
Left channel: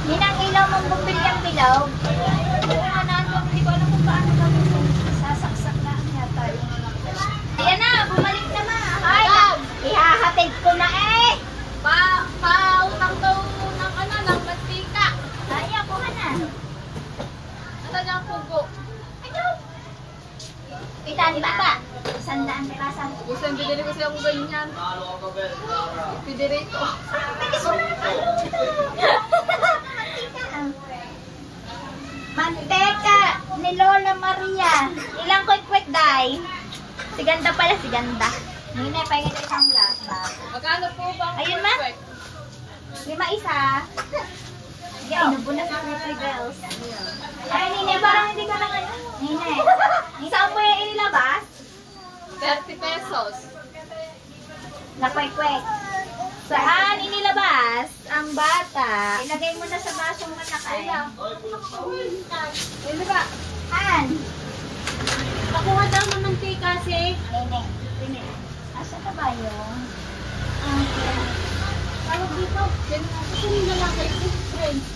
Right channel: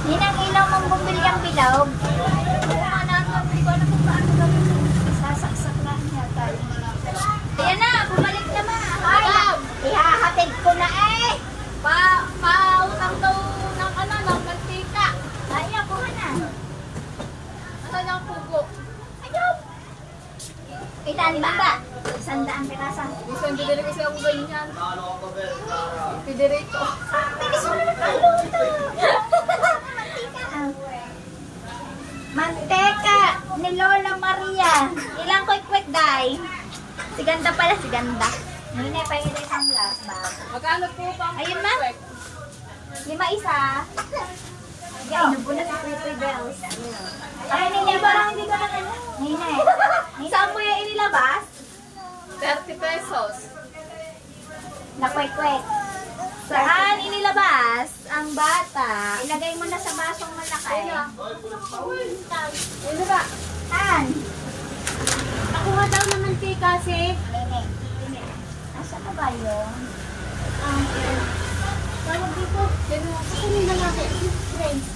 Ninang ilaw mong bumili ang bilog. Oo nga natin, hindi ko alam kung paano gawin mo. Sasaksak lang yata. Ayan na, bumalik na ma. Ay, ihahatid ko na eh. Pautang daw ng ano, ng mantika. Ay, ako na. Ano niyang pugo? Ayaw. Pitani ba? 100 pirasan. Gusto yung bidili kasi ako ganyan. Pidirito. Bilis mo na Mantika ni Lola Maria. Ilang quick day? Si ganda pala, si ganda. Nine, pahinga tayo isang bag. Magkano po ba ang Ayun na. perfect? 5 isa. Ay, nabuna sa Three Bells. Ay, Nine, parang hindi ka lang ano. Nine, saan mo yung inilabas? 30 pesos. Na quick. Saan inilabas ang bata? Ilagay mo na sa basong malaki. Hindi ba? An? Nakuha daw ng mantika si... Nene. Asa na ba yun? Tawag dito. Gusto niyo malaki. Friends.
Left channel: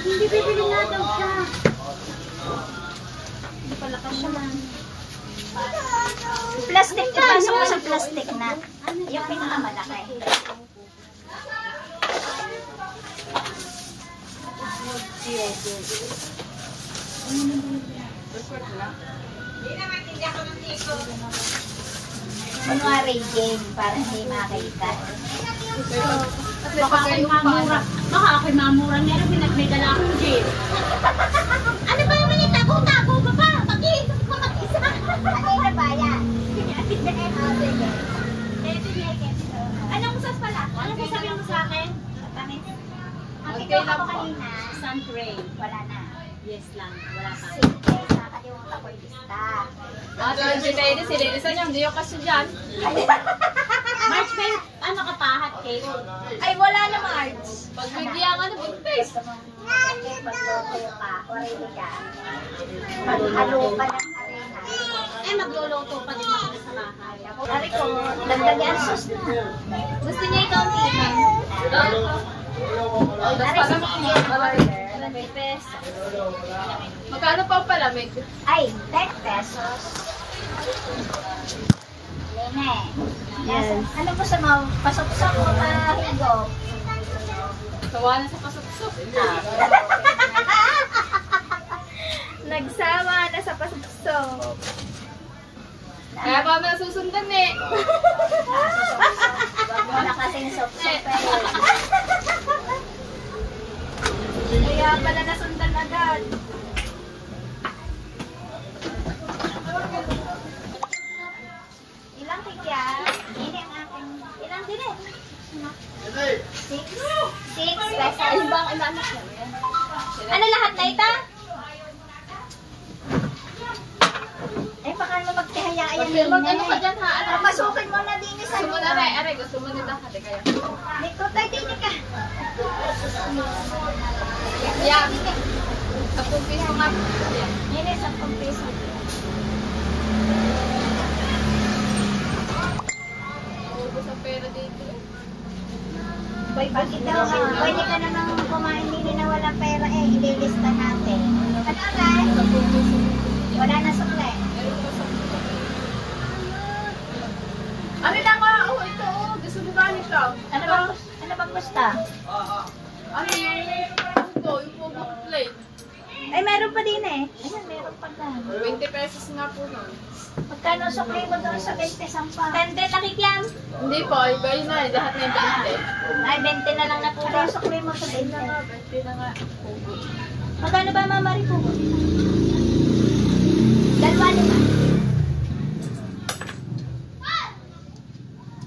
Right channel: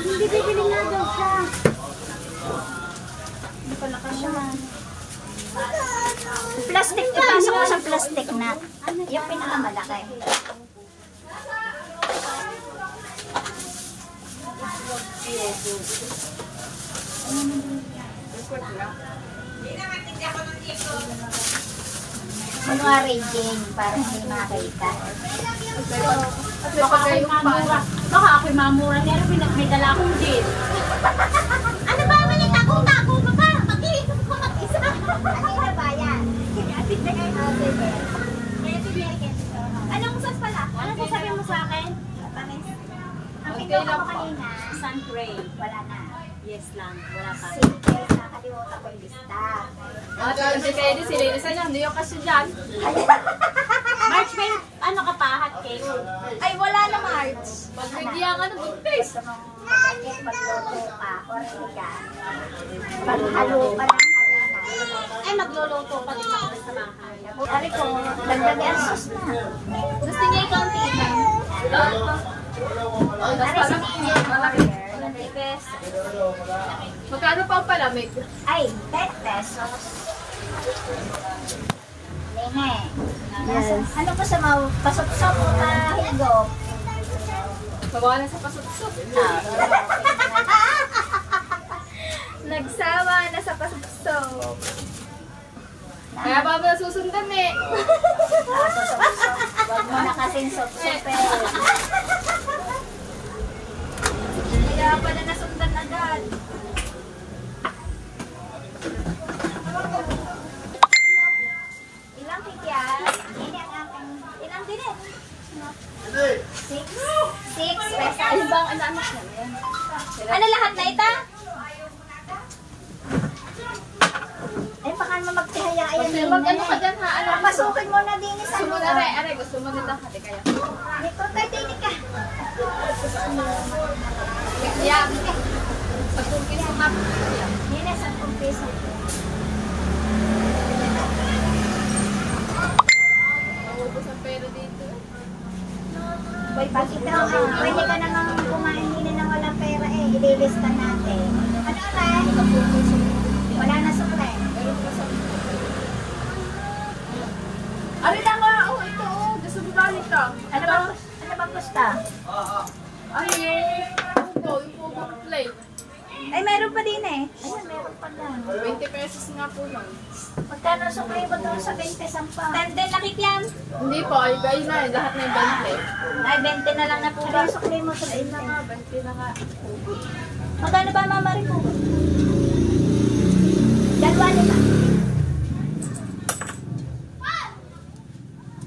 Hindi bibili na daw siya. Hindi pala ka siya man. Plastic, ipasok mo sa plastic na. Yung pinakamalaki. Kunwari Jane, para hindi makita. Baka ako'y mamura. Baka ako'y mamura. Meron may dala akong gin. Ano ba naman yung tago-tago ka pa? Mag-iisip ko mag-isa. Ano na ba yan? Anong usas pala? Ano sasabihin mo sa akin? Matamis. Ang ikaw ako kanina. Sun cream. Wala na. Yes lang, wala pa. Sige, nakalimutan ko yung lista. Ate, si Lady, si Lady sa hindi yung kaso dyan. March, may ano ka pa, hot cake? Ay, wala na March. Pagbigyan ka ng toothpaste. Bakit magluto ka? Orili ka. Maghalo ka ng harina. Ay, magluluto pa din ako sa bahay. Ari ko, nagdagyan sus na. Gusto niya ikaw ang tita? Ari sa mga order. 20 pesos. Magkano pa ang palamig? Ay, 10 pesos. Lene. Yes. Ano po sa mga pasok-sok na higo? Sawa na sa pasok-sok. Nagsawa na sa pasok-sok. Kaya ba ba susundan eh? Wag mo na kasing sok-sopel. Kaya pala nasundan agad. Ilang kikya? Ini ang aking... Ilang din eh? 6 pesos. Ay, bang ano siya? Ano lahat na ita? Eh, baka naman magtihaya ayan Mag-ano ka dyan ha? Ano? Masukin mo na din sa Gusto mo na rin. Aray, gusto mo nito. Hati kaya. Niko, tayo din ka. Yan. Sa kumpiso nga. Yan. Yan eh, 10 piso. Naubos ang pera dito. Boy, bakit daw? Pwede ka na nga kumain din na wala pera eh. Ililista natin. Ano ba? Wala na supply. Ano lang nga? Oh, ito. Oh. Gusto mo ba nito? Ano bang gusto? Ay, yung pugo. Yung pugo plate. Ay, meron pa din eh. Ayan, meron pa lang. 20 pesos nga po nun. Magkano supply mo doon sa 20 sampa? 10 nakikyan. Hindi po. Ay, kayo na eh. Lahat na yung 20. Ay, 20 na lang na po ba? Ano supply mo sa Ayun na 20? nga. 20 na nga. Pugo. Magkano ba mama rin po? Dalawa nila.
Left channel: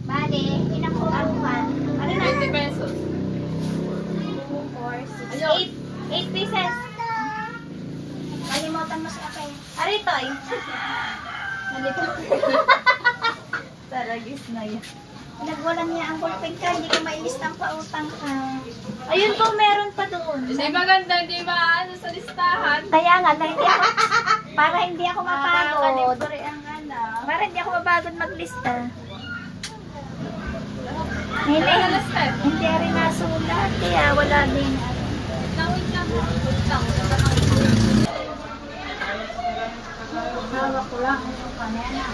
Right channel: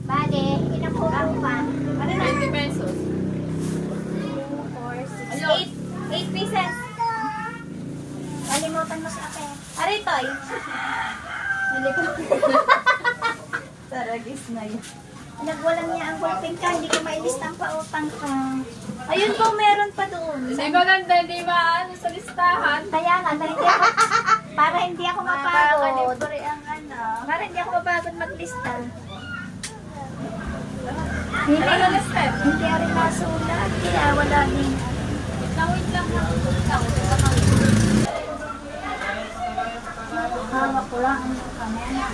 Bale, ilang po ang pan? Ano na? 20 pesos. 2, 4, 6, Ayun. 8 pieces. Kalimutan mo sa akin. Aray, toy. Taragis na yan. Nagwalang niya ang ballpen ka, hindi ka mailistang pautang ka. Ayun po, meron pa doon. Hindi maganda. Hindi maano sa listahan. Kaya nga, para hindi ako mapagod. Libre ang ano. Para hindi ako mapagod maglista. Hindi na listed. Hindi rin nasulat, kaya wala din. Wait lang. Hawak ko lang ang kamera.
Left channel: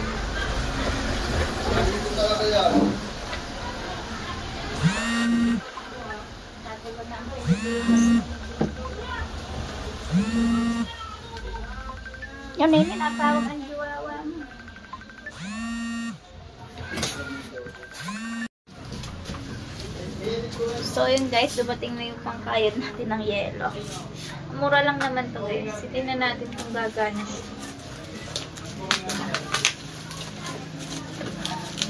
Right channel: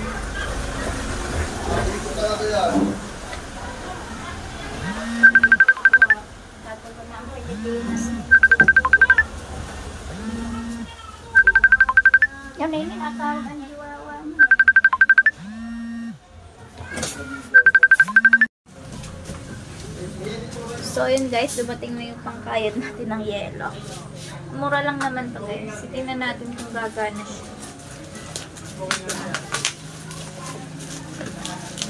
Dati ko na ang Pilipinas. Yan may minatawag ang jiwawa mo. So yun guys, dumating na yung pangkayod natin ng yelo. Mura lang naman to guys. Tingnan natin kung gagana siya.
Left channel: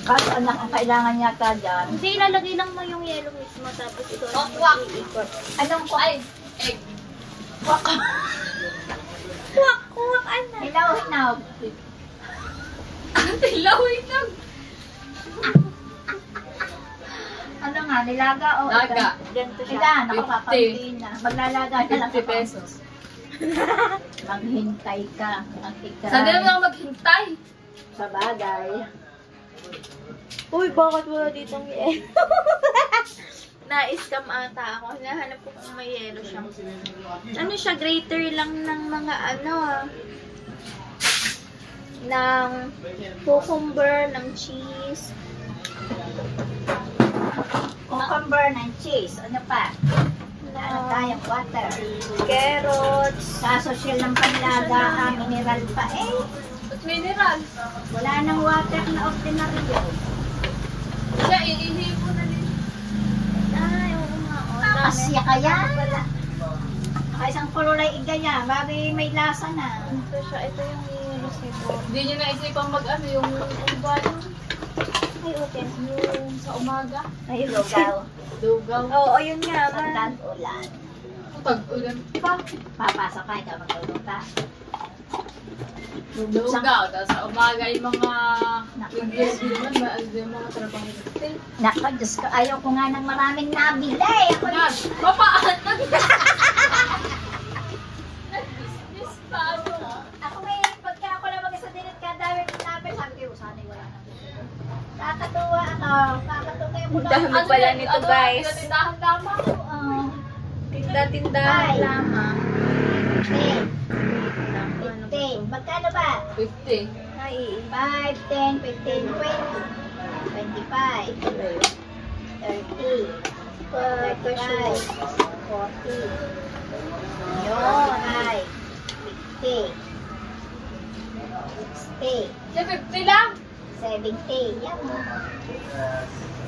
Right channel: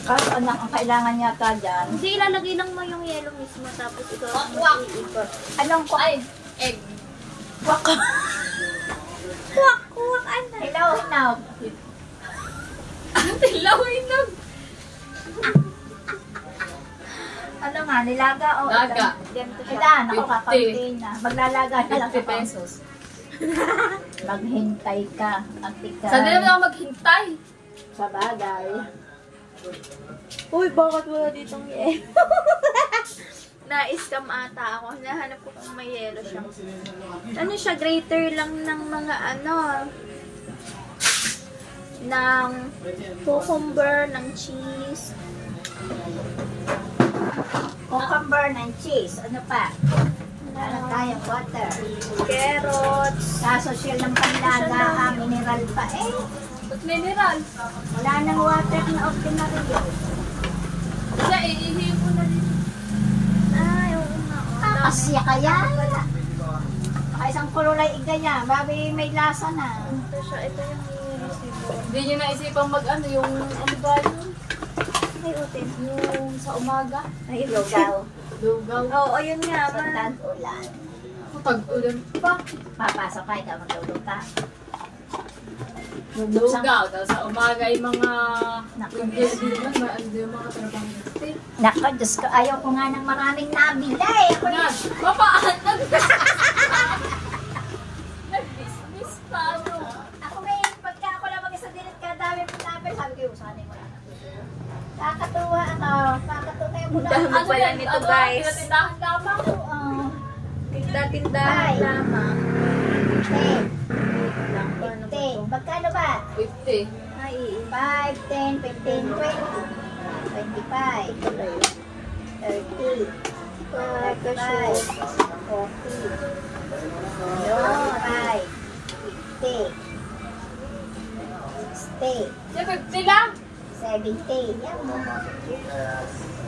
Kaso anak, ang kailangan yata dyan. Hindi, ilalagay lang mo yung yelo mismo tapos ito ang mag-iikot. Anong ko? Ay, egg. Kuwak, anak. Hilaw, hinaw. Tilawin lang. Ano nga, nilaga o? Laga. Ganito siya. Ilan, ako 50. kakaunti na. Maglalaga na lang 50 ako. pesos. Maghintay ka. Magtika. Saan din naman ako maghintay? Sa bagay. Uy, bakit wala ditong yelo? Na-scam ata ako. Hinahanap ko kung may yelo siya. Ano siya? Grater lang ng mga ano ng cucumber, ng cheese. Cucumber ng cheese. Ano pa? Ano tayong water. Carrots. Sa social ng panlaga, ang mineral pa. Eh, At mineral. wala nang water na ordinary yun. Siya, iihipo na din. Ay, oo nga. Oh, Asya kaya? Baka isang kululay igaya. Babi may lasa na. Ito siya. Ito yung yelo siguro. Hindi niya naisipang mag-ano yung ano ba yun? Ay, open. Yung sa umaga. Ay, Lugaw. Dugaw. Oo, yun nga. Sa tag-ulan. tag-ulan pa. Papasok ka, ikaw magluluta. Lugaw, tapos sa umaga yung mga yung mga trabaho. Nako, Diyos ko, ayaw ko nga ng maraming nabila eh. Ako na, Mapaan! Nag-business pa ano. ako may, pagka ako na mag-isa dinit ka, dami ko namin. Sabi ko, usanin mo lang. Kakatuwa ako. Kakatuwa yung mula. Dami pala nito guys. Tindahan lamang. Tinda-tindahan lamang. Okay. Lang ko, ano ba Okay. to? Magkano ba? 50. Ay, 5, 10, 15, 20. 25. 30. 35. 40. Yun, ay. 50. 60. Sa 50 lang. 70. Yan mo.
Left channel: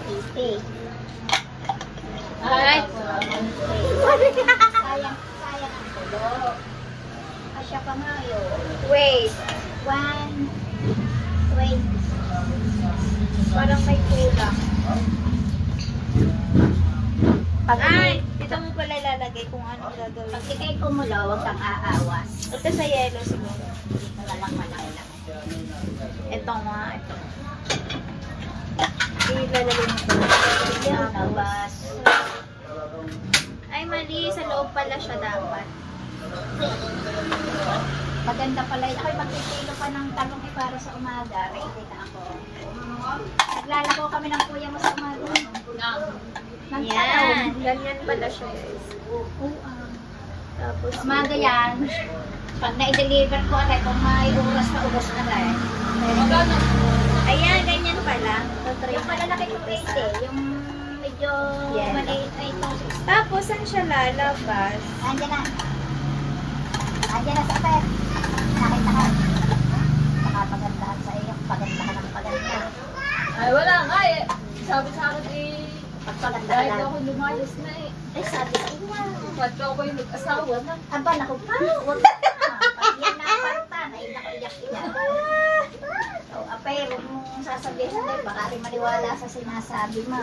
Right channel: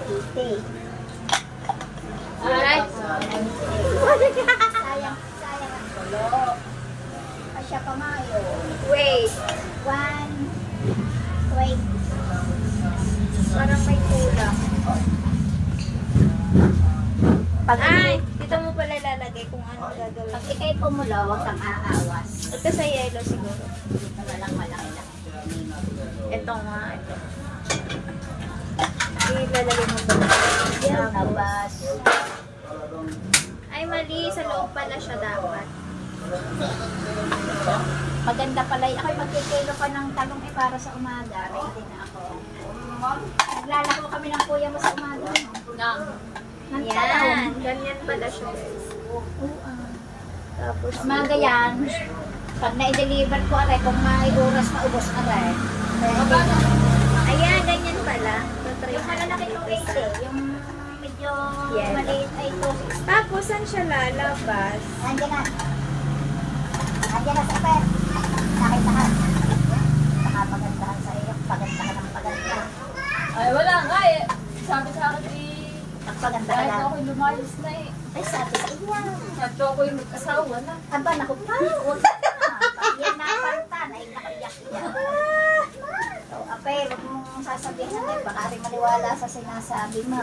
80. Alright. Sayang ang tulo. Asya kamayo. wait. 120. Parang may kulang. Pag Ay, dito mo pala lalagay kung ano gagawin. pag ikay kumulo, huwag kang aawas. Ito sa yellow siguro. Dito na lang malaki lang. Ito nga, ito. Ilalagay mo pala. Yan, Tapos, abas. ay mali, sa loob pala siya dapat. Maganda pala yun. Ako'y magkikilo pa ng talong para sa umaga. Ready na ako. Naglalako kami ng kuya mo sa umaga. Ng Yan, ganyan pala siya guys. Tapos, Umaga yan. Pag na-deliver ko, aray, kung may oras pa, ubos na rin. ayan, ganyan pala. Yung malalaki kong 80, yung medyo Yes. maliit ay 260. Tapos, saan siya lalabas? Andiyan na. Andiyan na sa pet. Nakita ka. Nakapagandahan sa iyo. Pagandahan ng paganda. Ay, wala nga eh. Sabi sa akin eh, Pagpaganda ka dahil lang. ako lumayos na eh. Eh, sabi sa inyo. Ba't ako yung mag-asawa na? Aba, naku pa. Huwag na. Yan na pantan. Ay, nakayak-iyak. So, ape, huwag mong sasabihin sa baka rin maniwala sa sinasabi mo.